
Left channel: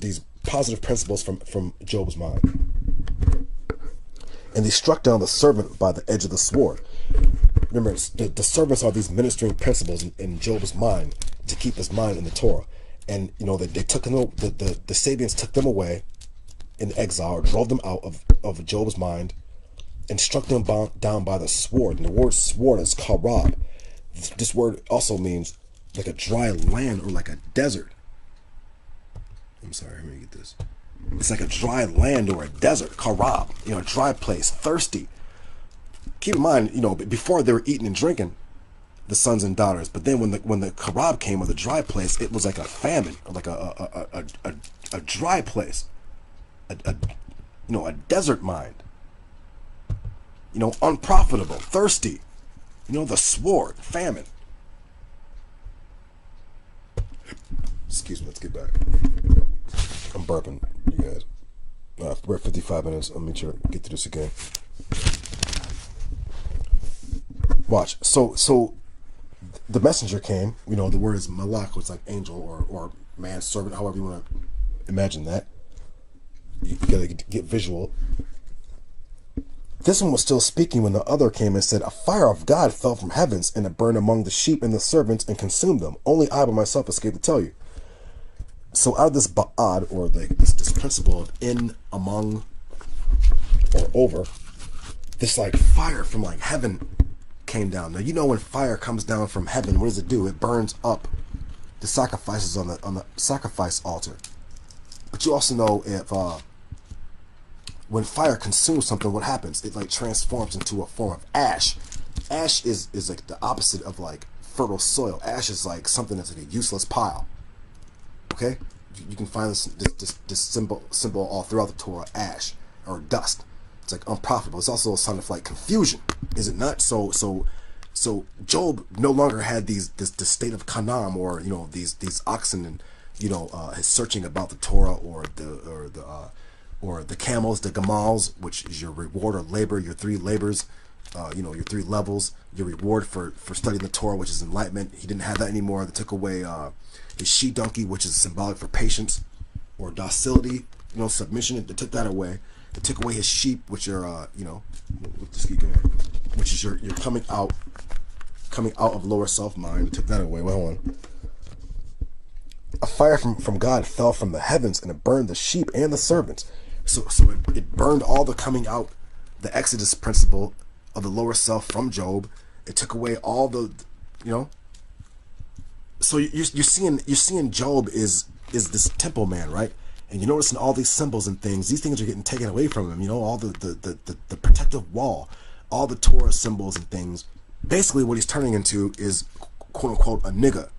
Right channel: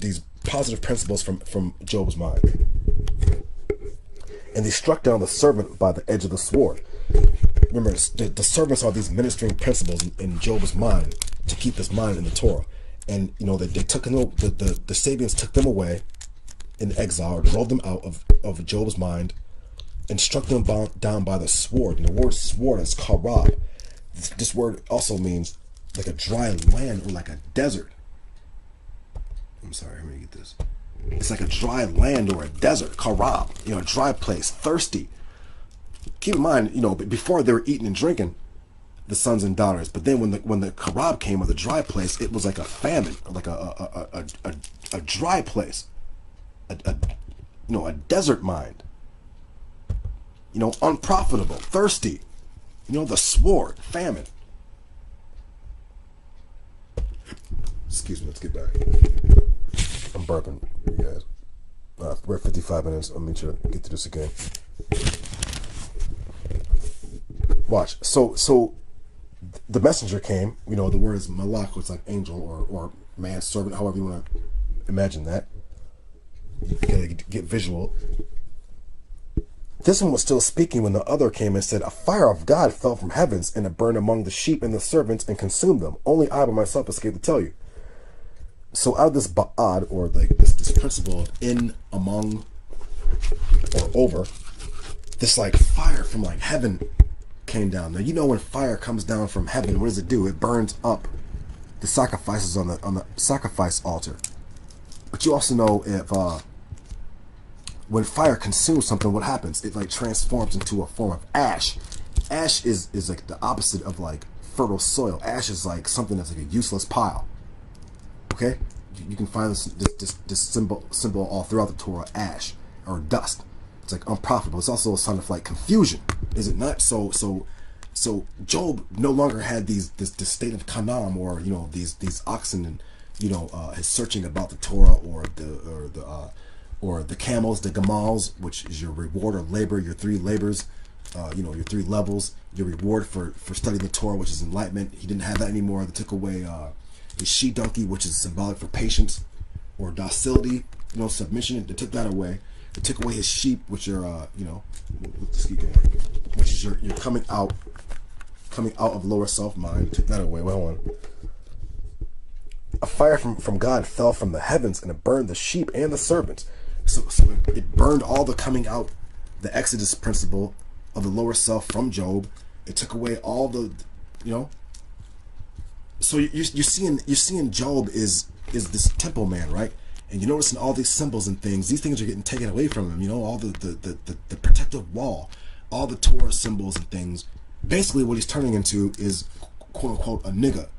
positive principles from Job's mind. And they struck down the servant by the edge of the sword. Remember, the servants are these ministering principles in Job's mind to keep his mind in the Torah. And, they took the Sabians took them away in exile, or drove them out of Job's mind, and struck them down by the sword. And the word sword is karab. This word also means like a dry land or like a desert. I'm sorry, I'm gonna get this. It's like a dry land or a desert, karab, a dry place, thirsty. Keep in mind, before they were eating and drinking, the sons and daughters. But then when the karab came, or the dry place, it was like a famine, like a dry place, a desert mind. Unprofitable, thirsty. The sword, famine. Excuse me, let's get back. I'm burping, you guys. We're at 55 minutes. I'll make sure to get through this again. Watch. So the messenger came. The word is malach, which is like angel or man, servant, however you want to imagine that. You gotta get visual. This one was still speaking when the other came and said, a fire of God fell from heavens, and it burned among the sheep and the servants and consumed them. Only I by myself escaped to tell you. So out of this ba'ad, or this principle of in, among, or over, this like fire from like heaven came down. Now when fire comes down from heaven, what does it do? It burns up the sacrifices on the sacrifice altar. But you also know if when fire consumes something, what happens? It like transforms into a form of ash. Ash is like the opposite of like fertile soil. Ash is like something that's like a useless pile. Okay, you can find this symbol all throughout the Torah. Ash or dust. It's like unprofitable. It's also a sign of like confusion, is it not? So Job no longer had this state of kanam, or these oxen and his searching about the Torah, or the camels, the gamals, which is your reward or labor, your three labors, your three levels, your reward for studying the Torah, which is enlightenment. He didn't have that anymore. They took away his she-donkey, which is symbolic for patience or docility, submission. They took that away. They took away his sheep, which are, let's keep going, which is you're coming out of lower self-mind. They took that away. Well, hold on. A fire from God fell from the heavens, and it burned the sheep and the servants. So it burned all the coming out, the Exodus principle of the lower self from Job. It took away all the, So you're seeing Job is this temple man, right? And you're noticing all these symbols and things. These things are getting taken away from him. All the protective wall, all the Torah symbols and things. Basically, what he's turning into is quote unquote a nigga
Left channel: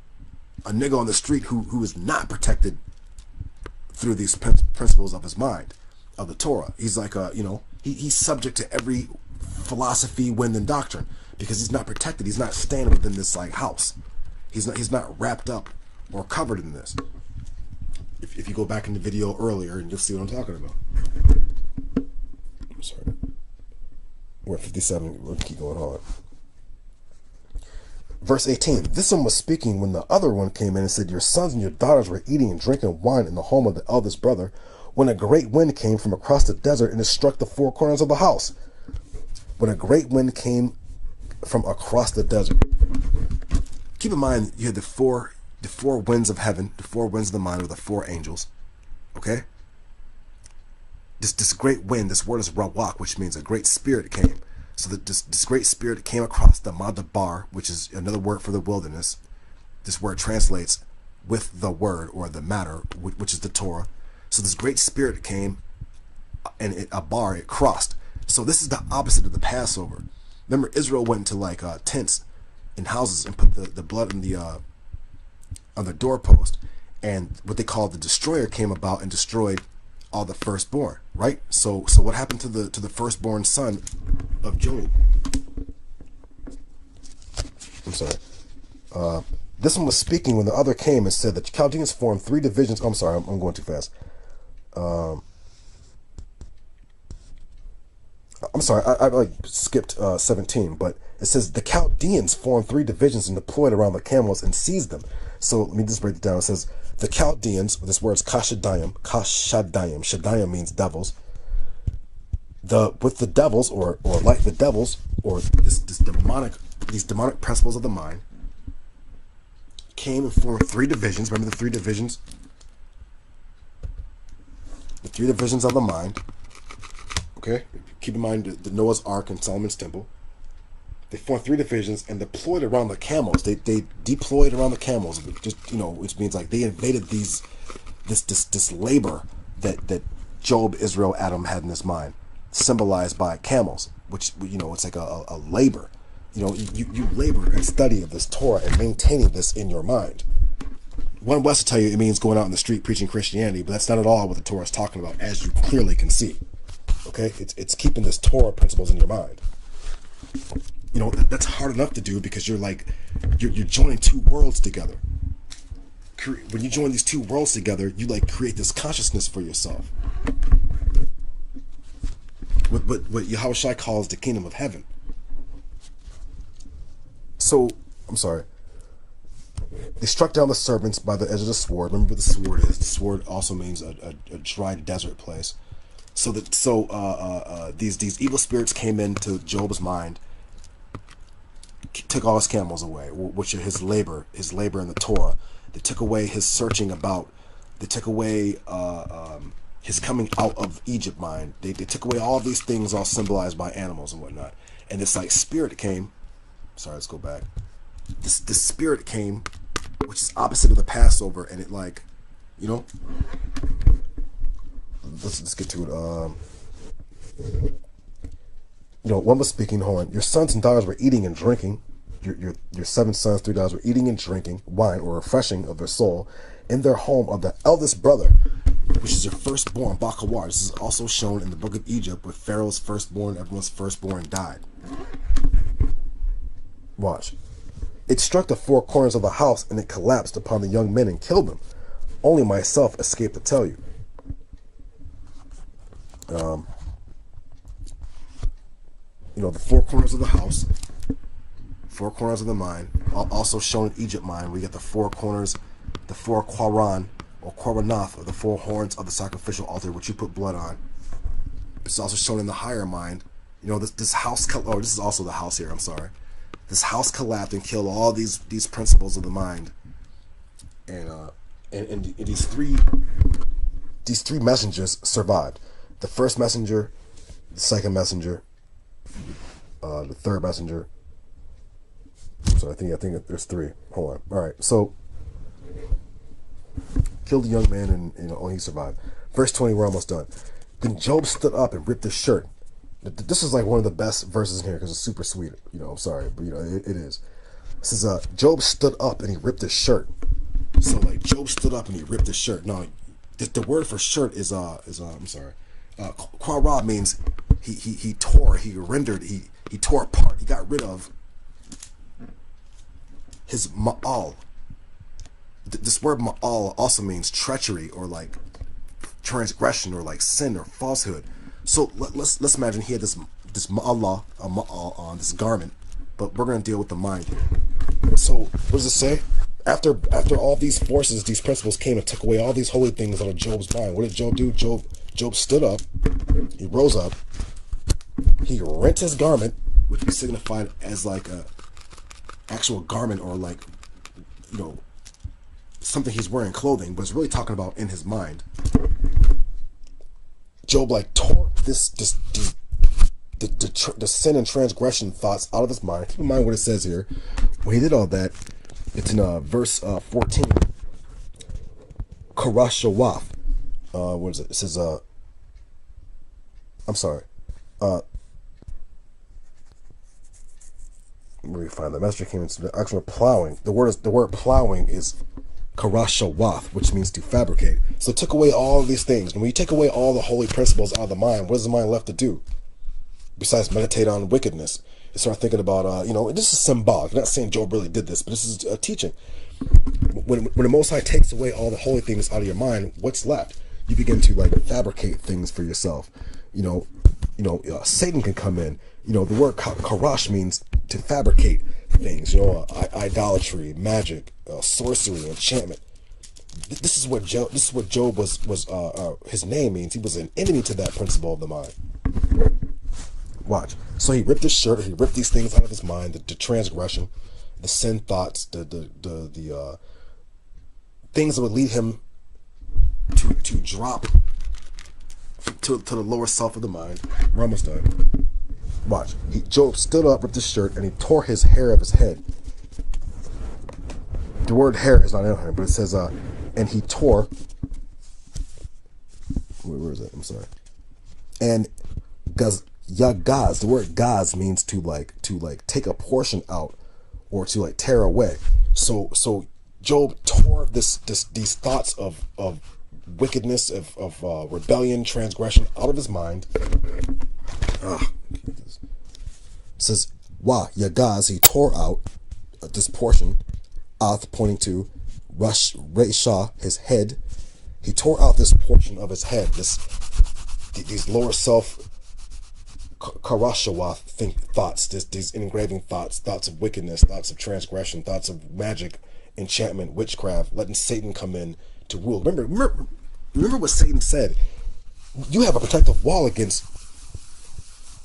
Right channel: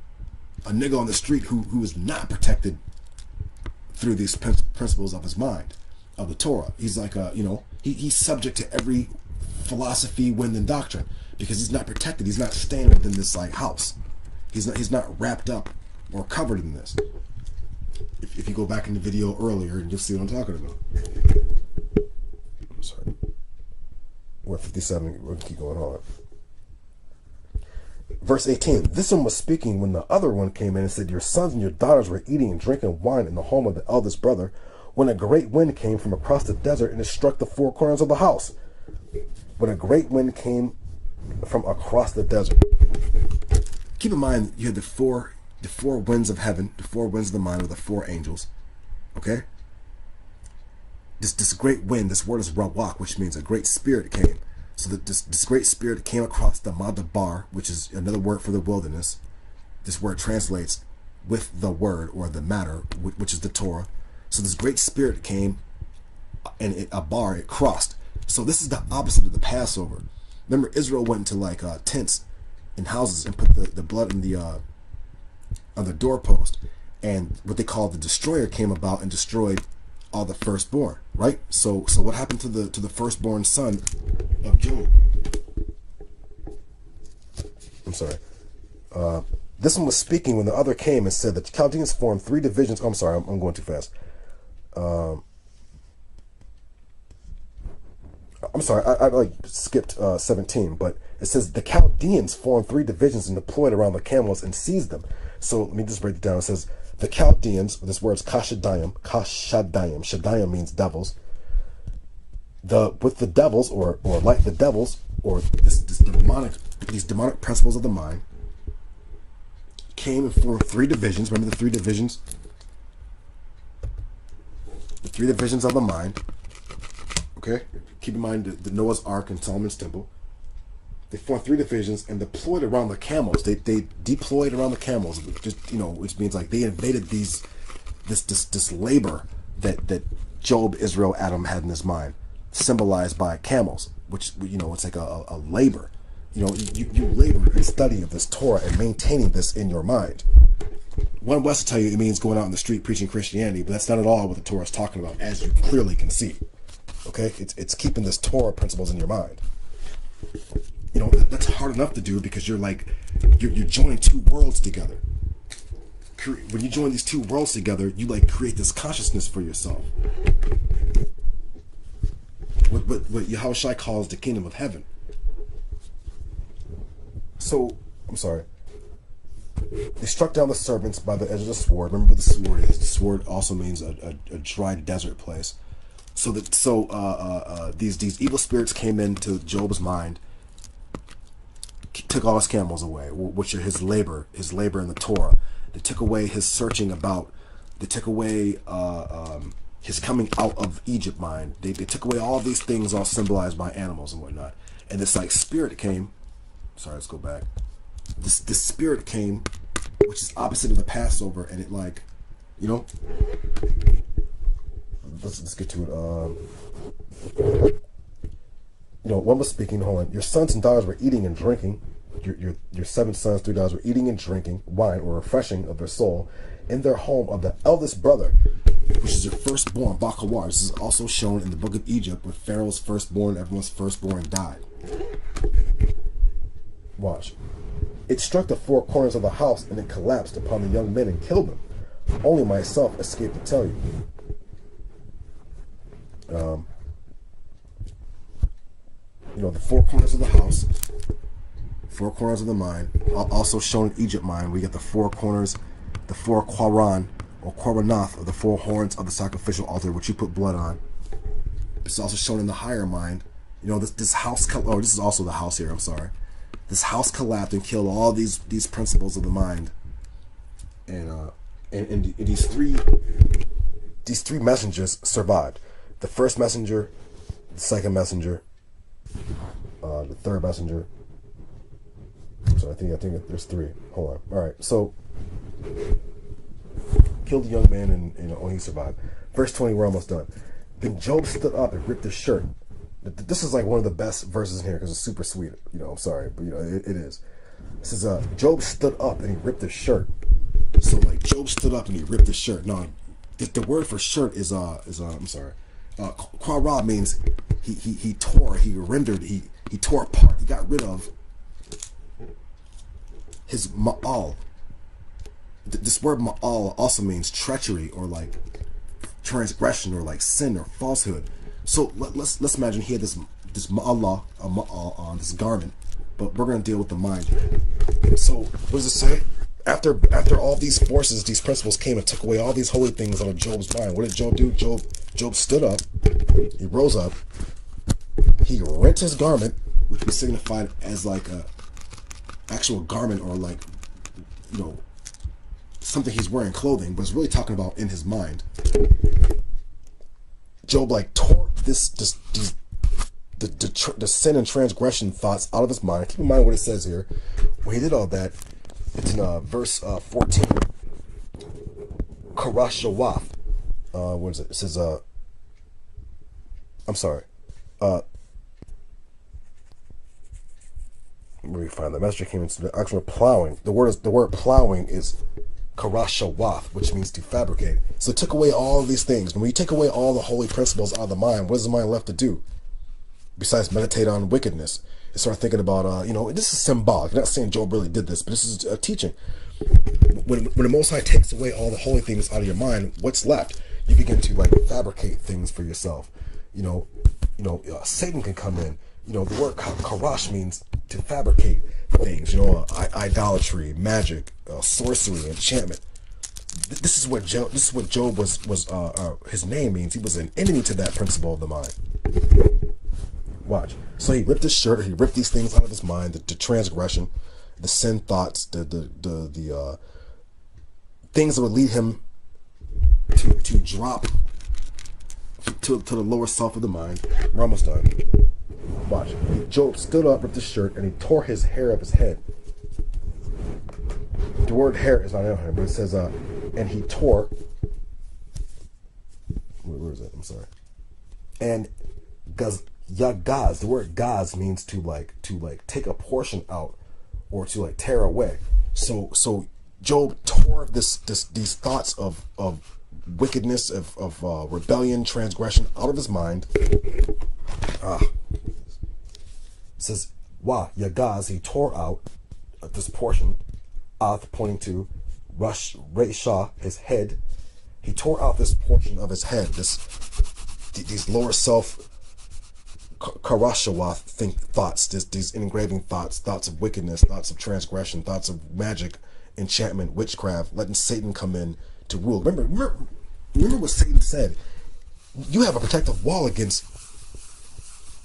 on the street who is not protected through these principles of his mind, of the Torah. He's like he's subject to every philosophy, wind, and doctrine, because he's not protected. He's not staying within this like house. He's not wrapped up or covered in this. If you go back in the video earlier, and you'll see what I'm talking about. I'm sorry. We're at 57. We'll keep going on. Verse 18, this one was speaking when the other one came in and said, your sons and your daughters were eating and drinking wine in the home of the eldest brother, when a great wind came from across the desert and it struck the four corners of the house. when a great wind came from across the desert. Keep in mind, you had the four winds of heaven, the four winds of the mind, or the four angels. Okay? This great wind, this word is rawak, which means a great spirit came. So that this great spirit came across the Madabar, which is another word for the wilderness. This word translates with the word or the matter, which is the Torah. So this great spirit came, and it crossed. So this is the opposite of the Passover. Remember, Israel went into tents in houses and put the blood in on the doorpost, and what they call the destroyer came about and destroyed all the firstborn, right? So what happened to the firstborn son of Job? I'm sorry. This one was speaking when the other came and said that the Chaldeans formed three divisions. Oh, I'm sorry, I'm going too fast. I'm sorry, I skipped 17, but it says the Chaldeans formed three divisions and deployed around the camels and seized them. So let me just break it down. It says the Chaldeans, this word is Kashadayim. Shadayim means devils. With the devils, or like the devils, or these demonic principles of the mind, came and formed three divisions. Remember the three divisions? The three divisions of the mind. Okay? Keep in mind the Noah's Ark and Solomon's Temple. They formed three divisions and deployed around the camels. They deployed around the camels, just which means like they invaded this labor that Job, Israel, Adam had in his mind, symbolized by camels, which it's like a labor. You labor and study of this Torah and maintaining this in your mind. One West will tell you it means going out in the street preaching Christianity, but that's not at all what the Torah is talking about, as you clearly can see. Okay, it's keeping this Torah principles in your mind. That's hard enough to do because you're joining two worlds together. When you join these two worlds together, you create this consciousness for yourself. What Yahushua calls the kingdom of heaven. So, I'm sorry. They struck down the serpents by the edge of the sword. Remember what the sword is. The sword also means a dry desert place. So these evil spirits came into Job's mind, took all his camels away, which are his labor in the Torah. They took away his searching about. They took away his coming out of Egypt mind. They took away all these things, all symbolized by animals and whatnot. And this spirit came. Sorry, let's go back. This spirit came, which is opposite of the Passover, and it let's get to it. One was speaking. Hold on. Your sons and daughters were eating and drinking. Your 7 sons, 3 daughters were eating and drinking wine or refreshing of their soul in their home of the eldest brother, which is your firstborn, Bakawar. This is also shown in the book of Egypt, with Pharaoh's firstborn, everyone's firstborn died. Watch. It struck the four corners of the house, and it collapsed upon the young men and killed them. Only myself escaped to tell you. The four corners of the house, four corners of the mind, also shown in Egypt mind. We get the four corners, the four Qaran or Qaranath, or the four horns of the sacrificial altar, which you put blood on. It's also shown in the higher mind. This house. Oh, this is also the house here. I'm sorry. This house collapsed and killed all these principles of the mind, and these three messengers survived. The first messenger, the second messenger, the third messenger. So I think there's 3. Hold on. All right. So killed the young man, and he survived. Verse 20. We're almost done. Then Job stood up and ripped his shirt. This is one of the best verses in here because it's super sweet. I'm sorry, but it is. This is Job stood up and he ripped his shirt. So Job stood up and he ripped his shirt. Now, the word for shirt is I'm sorry. Quara means he tore, he rendered, he tore apart, he got rid of his ma'al. This word ma'al also means treachery, or transgression, or sin or falsehood. So let's imagine he had this ma'al on this garment, but we're going to deal with the mind here. So what does it say? After all these forces, these principles came and took away all these holy things out of Job's mind, what did Job do? Job stood up, he rose up, he rent his garment, which be signified as like a actual garment, or like, you know, something he's wearing, clothing, but it's really talking about in his mind. Job like tore the sin and transgression thoughts out of his mind. Keep in mind what it says here. When he did all that, it's in verse 14. Karashawath. What is it? It says, I'm sorry. Let me find the messenger came into the actual plowing. The word plowing is karashawath, which means to fabricate. So it took away all of these things. And when you take away all the holy principles out of the mind, what is the mind left to do? Besides meditate on wickedness. And start thinking about, you know, this is symbolic. I'm not saying Job really did this, but this is a teaching. When the Most High takes away all the holy things out of your mind, what's left? You begin to like fabricate things for yourself. Satan can come in. You know, the word karash means to fabricate things. You know, idolatry, magic, sorcery, enchantment. This is what Job was. His name means. He was an enemy to that principle of the mind. Watch. So he ripped his shirt. He ripped these things out of his mind. The transgression, the sin thoughts, the things that would lead him to drop to the lower self of the mind. We're almost done. Watch. Job stood up, ripped his shirt, and he tore his hair of his head. The word hair is not in here, but it says, and he tore. Where is it? I'm sorry. And Yagaz, the word gaz means to take a portion out, or to like tear away. So Job tore these thoughts of wickedness, of rebellion, transgression out of his mind. It says Yagaz, he tore out this portion, pointing to Resha, his head. He tore out this portion of his head, these lower self Karashawath thoughts, these engraving thoughts of wickedness, thoughts of transgression, thoughts of magic, enchantment, witchcraft, letting Satan come in to rule. Remember what Satan said. You have a protective wall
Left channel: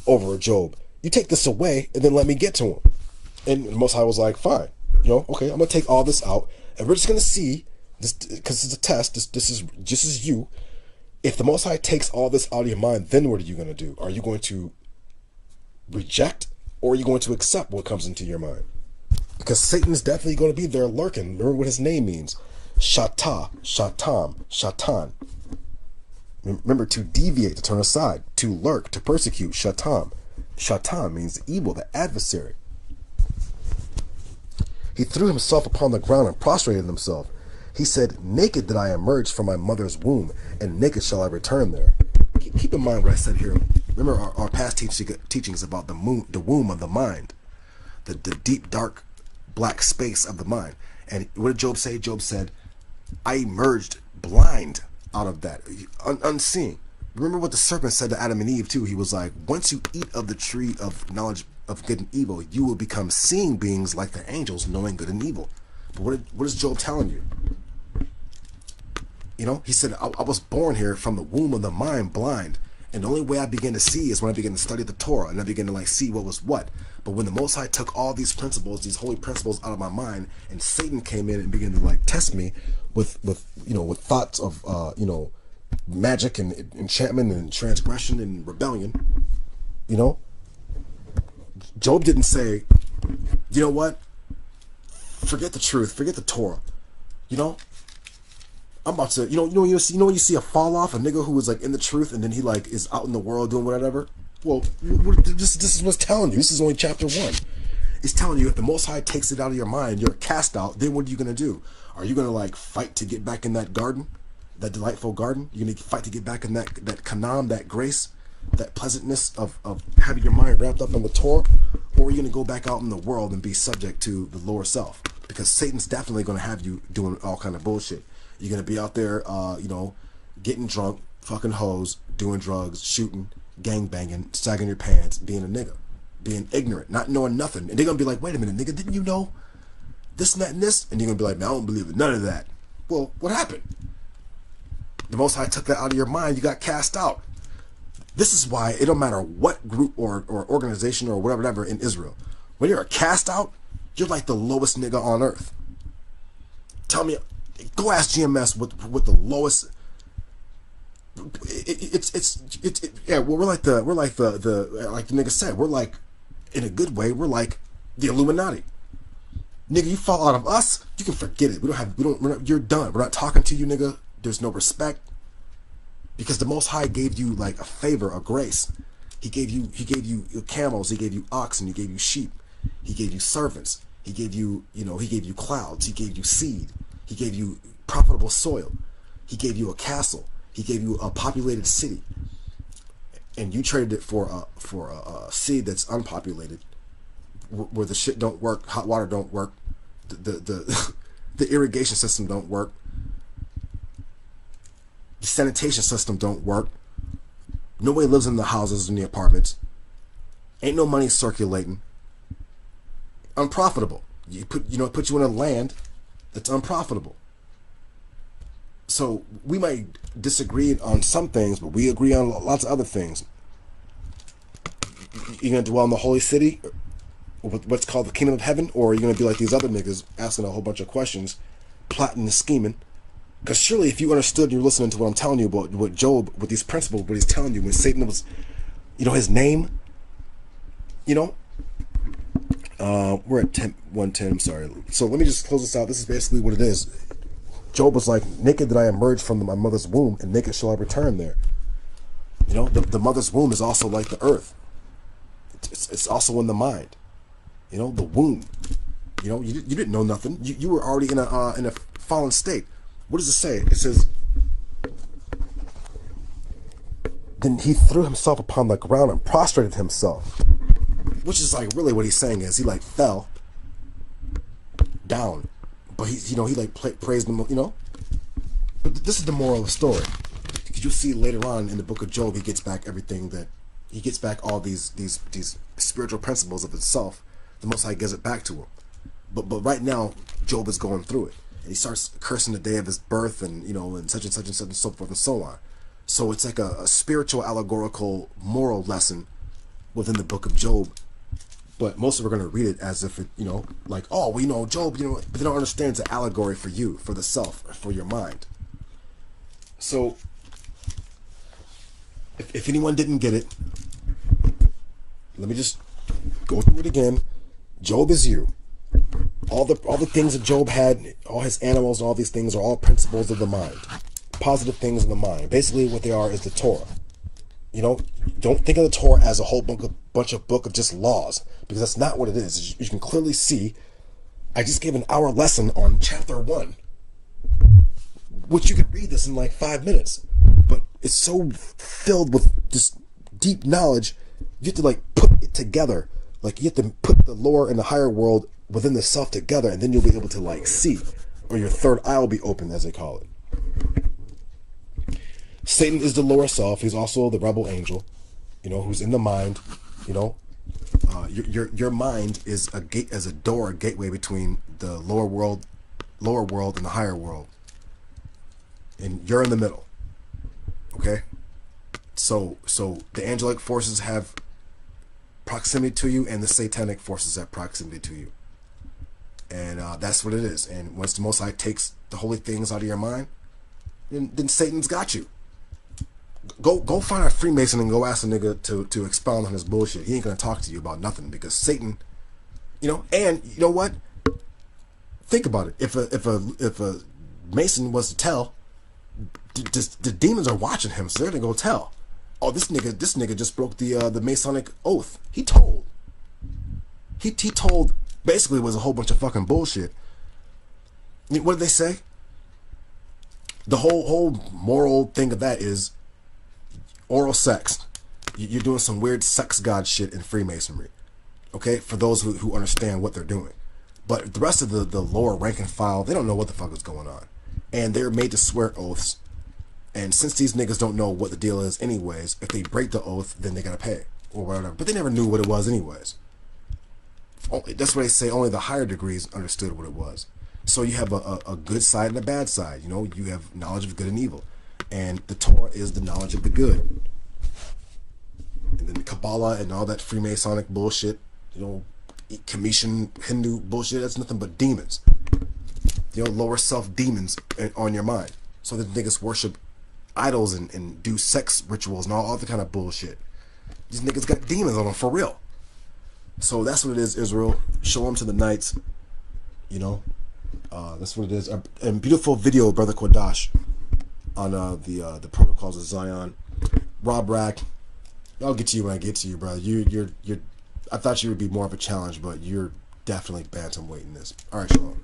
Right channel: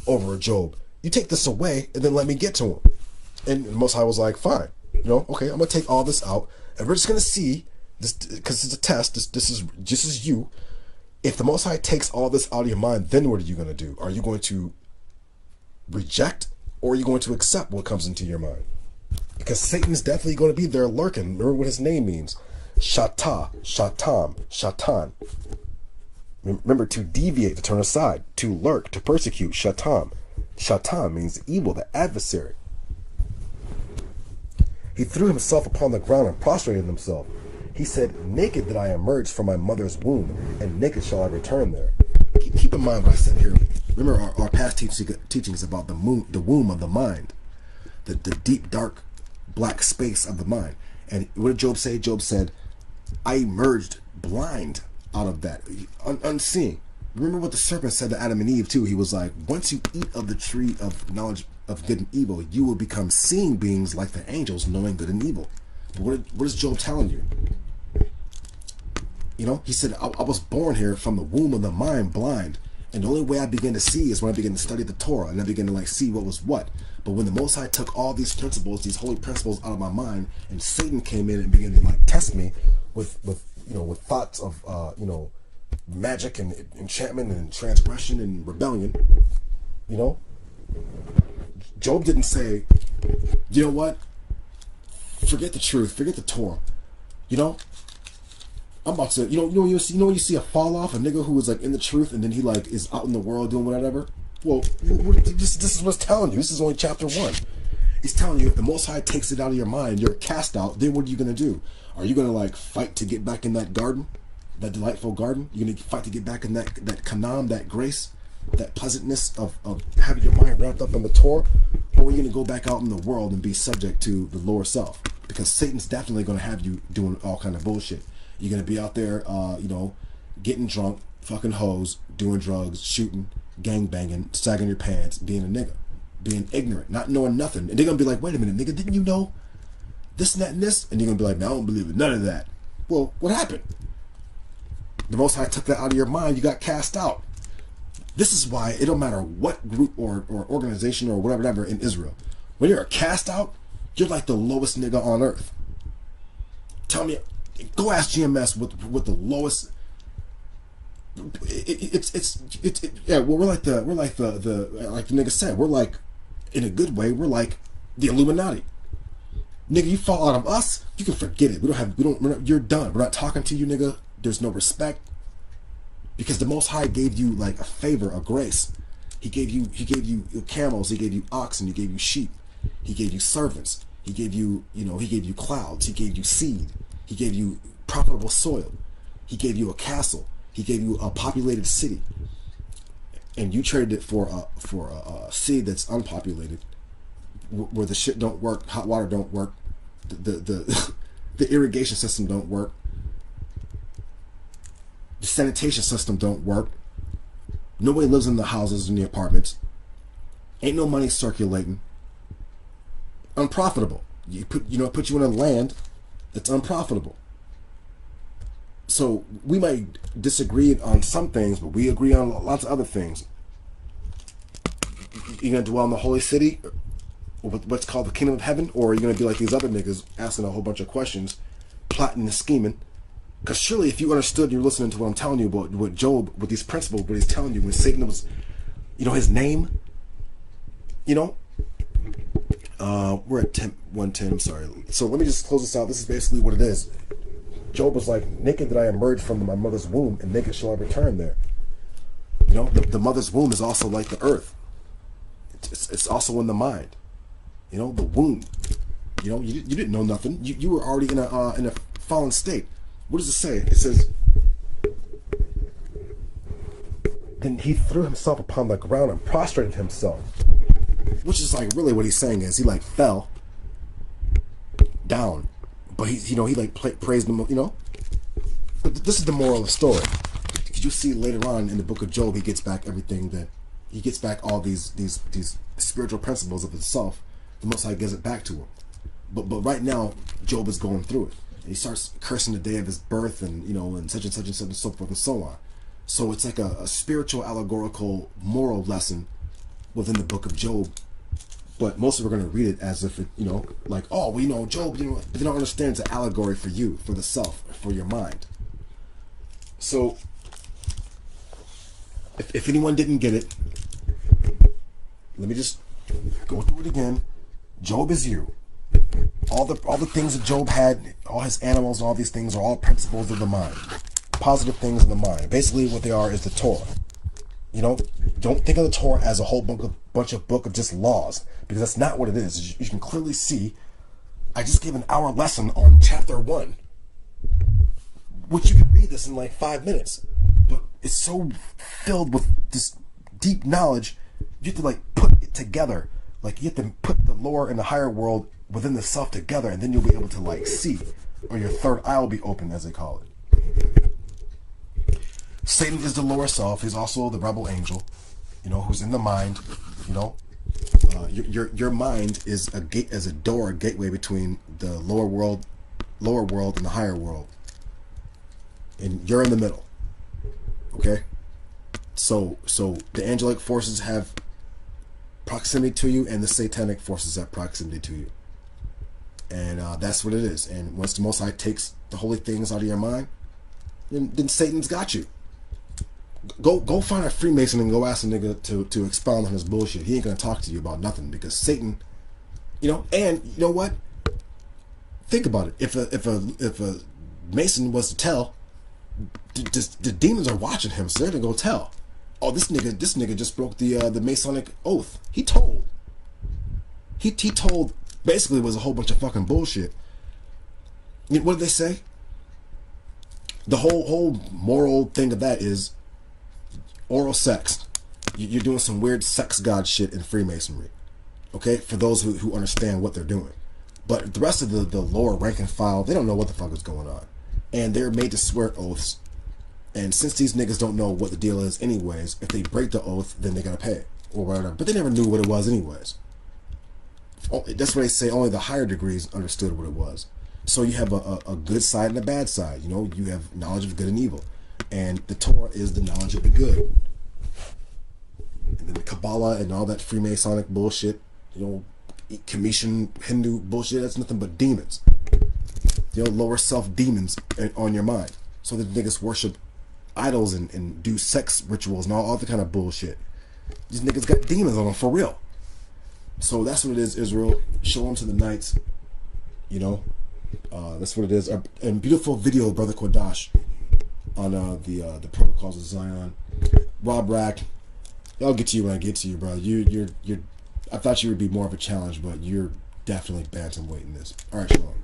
over Job. You take this away, and then let me get to him. And the Most High was like, fine. You know, okay, I'm going to take all this out, and we're just going to see, this because it's a test, this is just as you. If the Most High takes all this out of your mind, then what are you going to do? Are you going to reject, or are you going to accept what comes into your mind? Because Satan's definitely going to be there lurking. Remember what his name means. Shatan. Remember, to deviate, to turn aside, to lurk, to persecute. Shatan means the evil, the adversary. He threw himself upon the ground and prostrated himself. He said, naked did I emerge from my mother's womb, and naked shall I return there. Keep in mind what I said here. Remember our past teachings about the womb of the mind, the deep, dark, black space of the mind. And what did Job say? Job said, I emerged blind out of that, unseeing. Remember what the serpent said to Adam and Eve too. He was like, once you eat of the tree of knowledge of good and evil, you will become seeing beings like the angels, knowing good and evil. But what is Job telling you? You know, he said, I was born here from the womb of the mind blind. And the only way I began to see is when I began to study the Torah, and I began to like see what was what. But when the Most High took all these principles, these holy principles out of my mind, and Satan came in and began to like test me with thoughts of magic and enchantment and transgression and rebellion, you know, Job didn't say, you know what, forget the truth, forget the Torah, you know, I'm about to, when you see a fall off, a nigga who is like in the truth, and then he like is out in the world doing whatever. Well, this is what's telling you. This is only chapter 1. He's telling you, if the Most High takes it out of your mind, you're cast out, then what are you going to do? Are you going to like fight to get back in that garden, that delightful garden? You're going to fight to get back in that kanam, that grace, that pleasantness of having your mind wrapped up in the Torah? Or are you going to go back out in the world and be subject to the lower self? Because Satan's definitely going to have you doing all kind of bullshit. You're going to be out there, getting drunk, fucking hoes, doing drugs, shooting, gang banging, sagging your pants, being a nigga, being ignorant, not knowing nothing. And they're going to be like, wait a minute, nigga, didn't you know this and that and this? And you're going to be like, no, I don't believe it, none of that. Well, what happened? The Most High took that out of your mind. You got cast out. This is why it don't matter what group or organization or whatever in Israel. When you're a cast out, you're like the lowest nigga on earth. Tell me, go ask GMS with the lowest. Yeah. Well, we're like the like the nigga said. We're like, in a good way, we're like the Illuminati. Nigga, you fall out of us, you can forget it. You're done. We're not talking to you, nigga. There's no respect. Because the Most High gave you like a favor, a grace. He gave you camels, he gave you oxen, he gave you sheep, he gave you servants, he gave you, he gave you clouds, he gave you seed, he gave you profitable soil, he gave you a castle, he gave you a populated city, and you traded it for a seed that's unpopulated, where the shit don't work, hot water don't work, the irrigation system don't work. The sanitation system don't work. Nobody lives in the houses and the apartments. Ain't no money circulating. Unprofitable. It put you in a land that's unprofitable. So we might disagree on some things, but we agree on lots of other things. You're gonna dwell in the holy city, or what's called the kingdom of heaven, or are you gonna be like these other niggas asking a whole bunch of questions, plotting and scheming? Because surely if you understood and you're listening to what I'm telling you about what Job, with these principles, what he's telling you, when Satan was, his name, we're at 110, I'm sorry. So let me just close this out. This is basically what it is. Job was like, naked did I emerge from my mother's womb, and naked shall I return there. The mother's womb is also like the earth. It's also in the mind. The womb. You didn't know nothing. You were already in a fallen state. What does it say? It says, then he threw himself upon the ground and prostrated himself. Which is like really what he's saying is he like fell down. But he like praised him, But this is the moral of the story. Because you see later on in the book of Job, he gets back all these spiritual principles of himself. The Most High gives it back to him. But right now, Job is going through it. And he starts cursing the day of his birth and, and such and such and such and so forth and so on. So it's like a spiritual, allegorical, moral lesson within the book of Job. But most of us are going to read it as if it, like, oh, well, Job, but they don't understand it's an allegory for you, for the self, for your mind. So if anyone didn't get it, let me just go through it again. Job is you. All the things that Job had, all his animals and all these things are all principles of the mind. Positive things in the mind. Basically what they are is the Torah. Don't think of the Torah as a whole bunch of book of just laws, because that's not what it is. You can clearly see, I just gave an hour lesson on chapter 1, which you could read this in like 5 minutes, but it's so filled with this deep knowledge, you have to like put it together. Like you have to put the lower and the higher world within the self together, and then you'll be able to like see, or your third eye will be open, as they call it. Satan is the lower self. He's also the rebel angel, who's in the mind. Your mind is a gate, as a door, a gateway between the lower world, and the higher world, and you're in the middle. Okay, so the angelic forces have proximity to you, and the satanic forces have proximity to you. And that's what it is. And once the Most High takes the holy things out of your mind, then Satan's got you. Go find a Freemason and go ask a nigga to expound on his bullshit. He ain't gonna talk to you about nothing, because Satan, and you know what? Think about it. If a Mason was to tell, the demons are watching him, so they're gonna go tell. Oh, this nigga just broke the Masonic oath. He told. Basically, it was a whole bunch of fucking bullshit. What did they say? The whole moral thing of that is oral sex. You're doing some weird sex god shit in Freemasonry. Okay? For those who understand what they're doing. But the rest of the lower rank and file, they don't know what the fuck is going on. And they're made to swear oaths. And since these niggas don't know what the deal is anyways, if they break the oath, then they gotta pay. Or whatever. But they never knew what it was anyways. That's why they say only the higher degrees understood what it was. So you have a good side and a bad side. You have knowledge of good and evil. And the Torah is the knowledge of the good. And then the Kabbalah and all that Freemasonic bullshit, you know, Commission Hindu bullshit, that's nothing but demons. You know, lower self demons on your mind. So the niggas worship idols and do sex rituals and all other kind of bullshit. These niggas got demons on them for real. So that's what it is, Israel. Show them to the Knights. You know, that's what it is. And beautiful video, Brother Kodash, on the Protocols of Zion. Rob Rack, I'll get to you when I get to you, brother. You're. I thought you would be more of a challenge, but you're definitely bantamweight in this. All right, Shalom.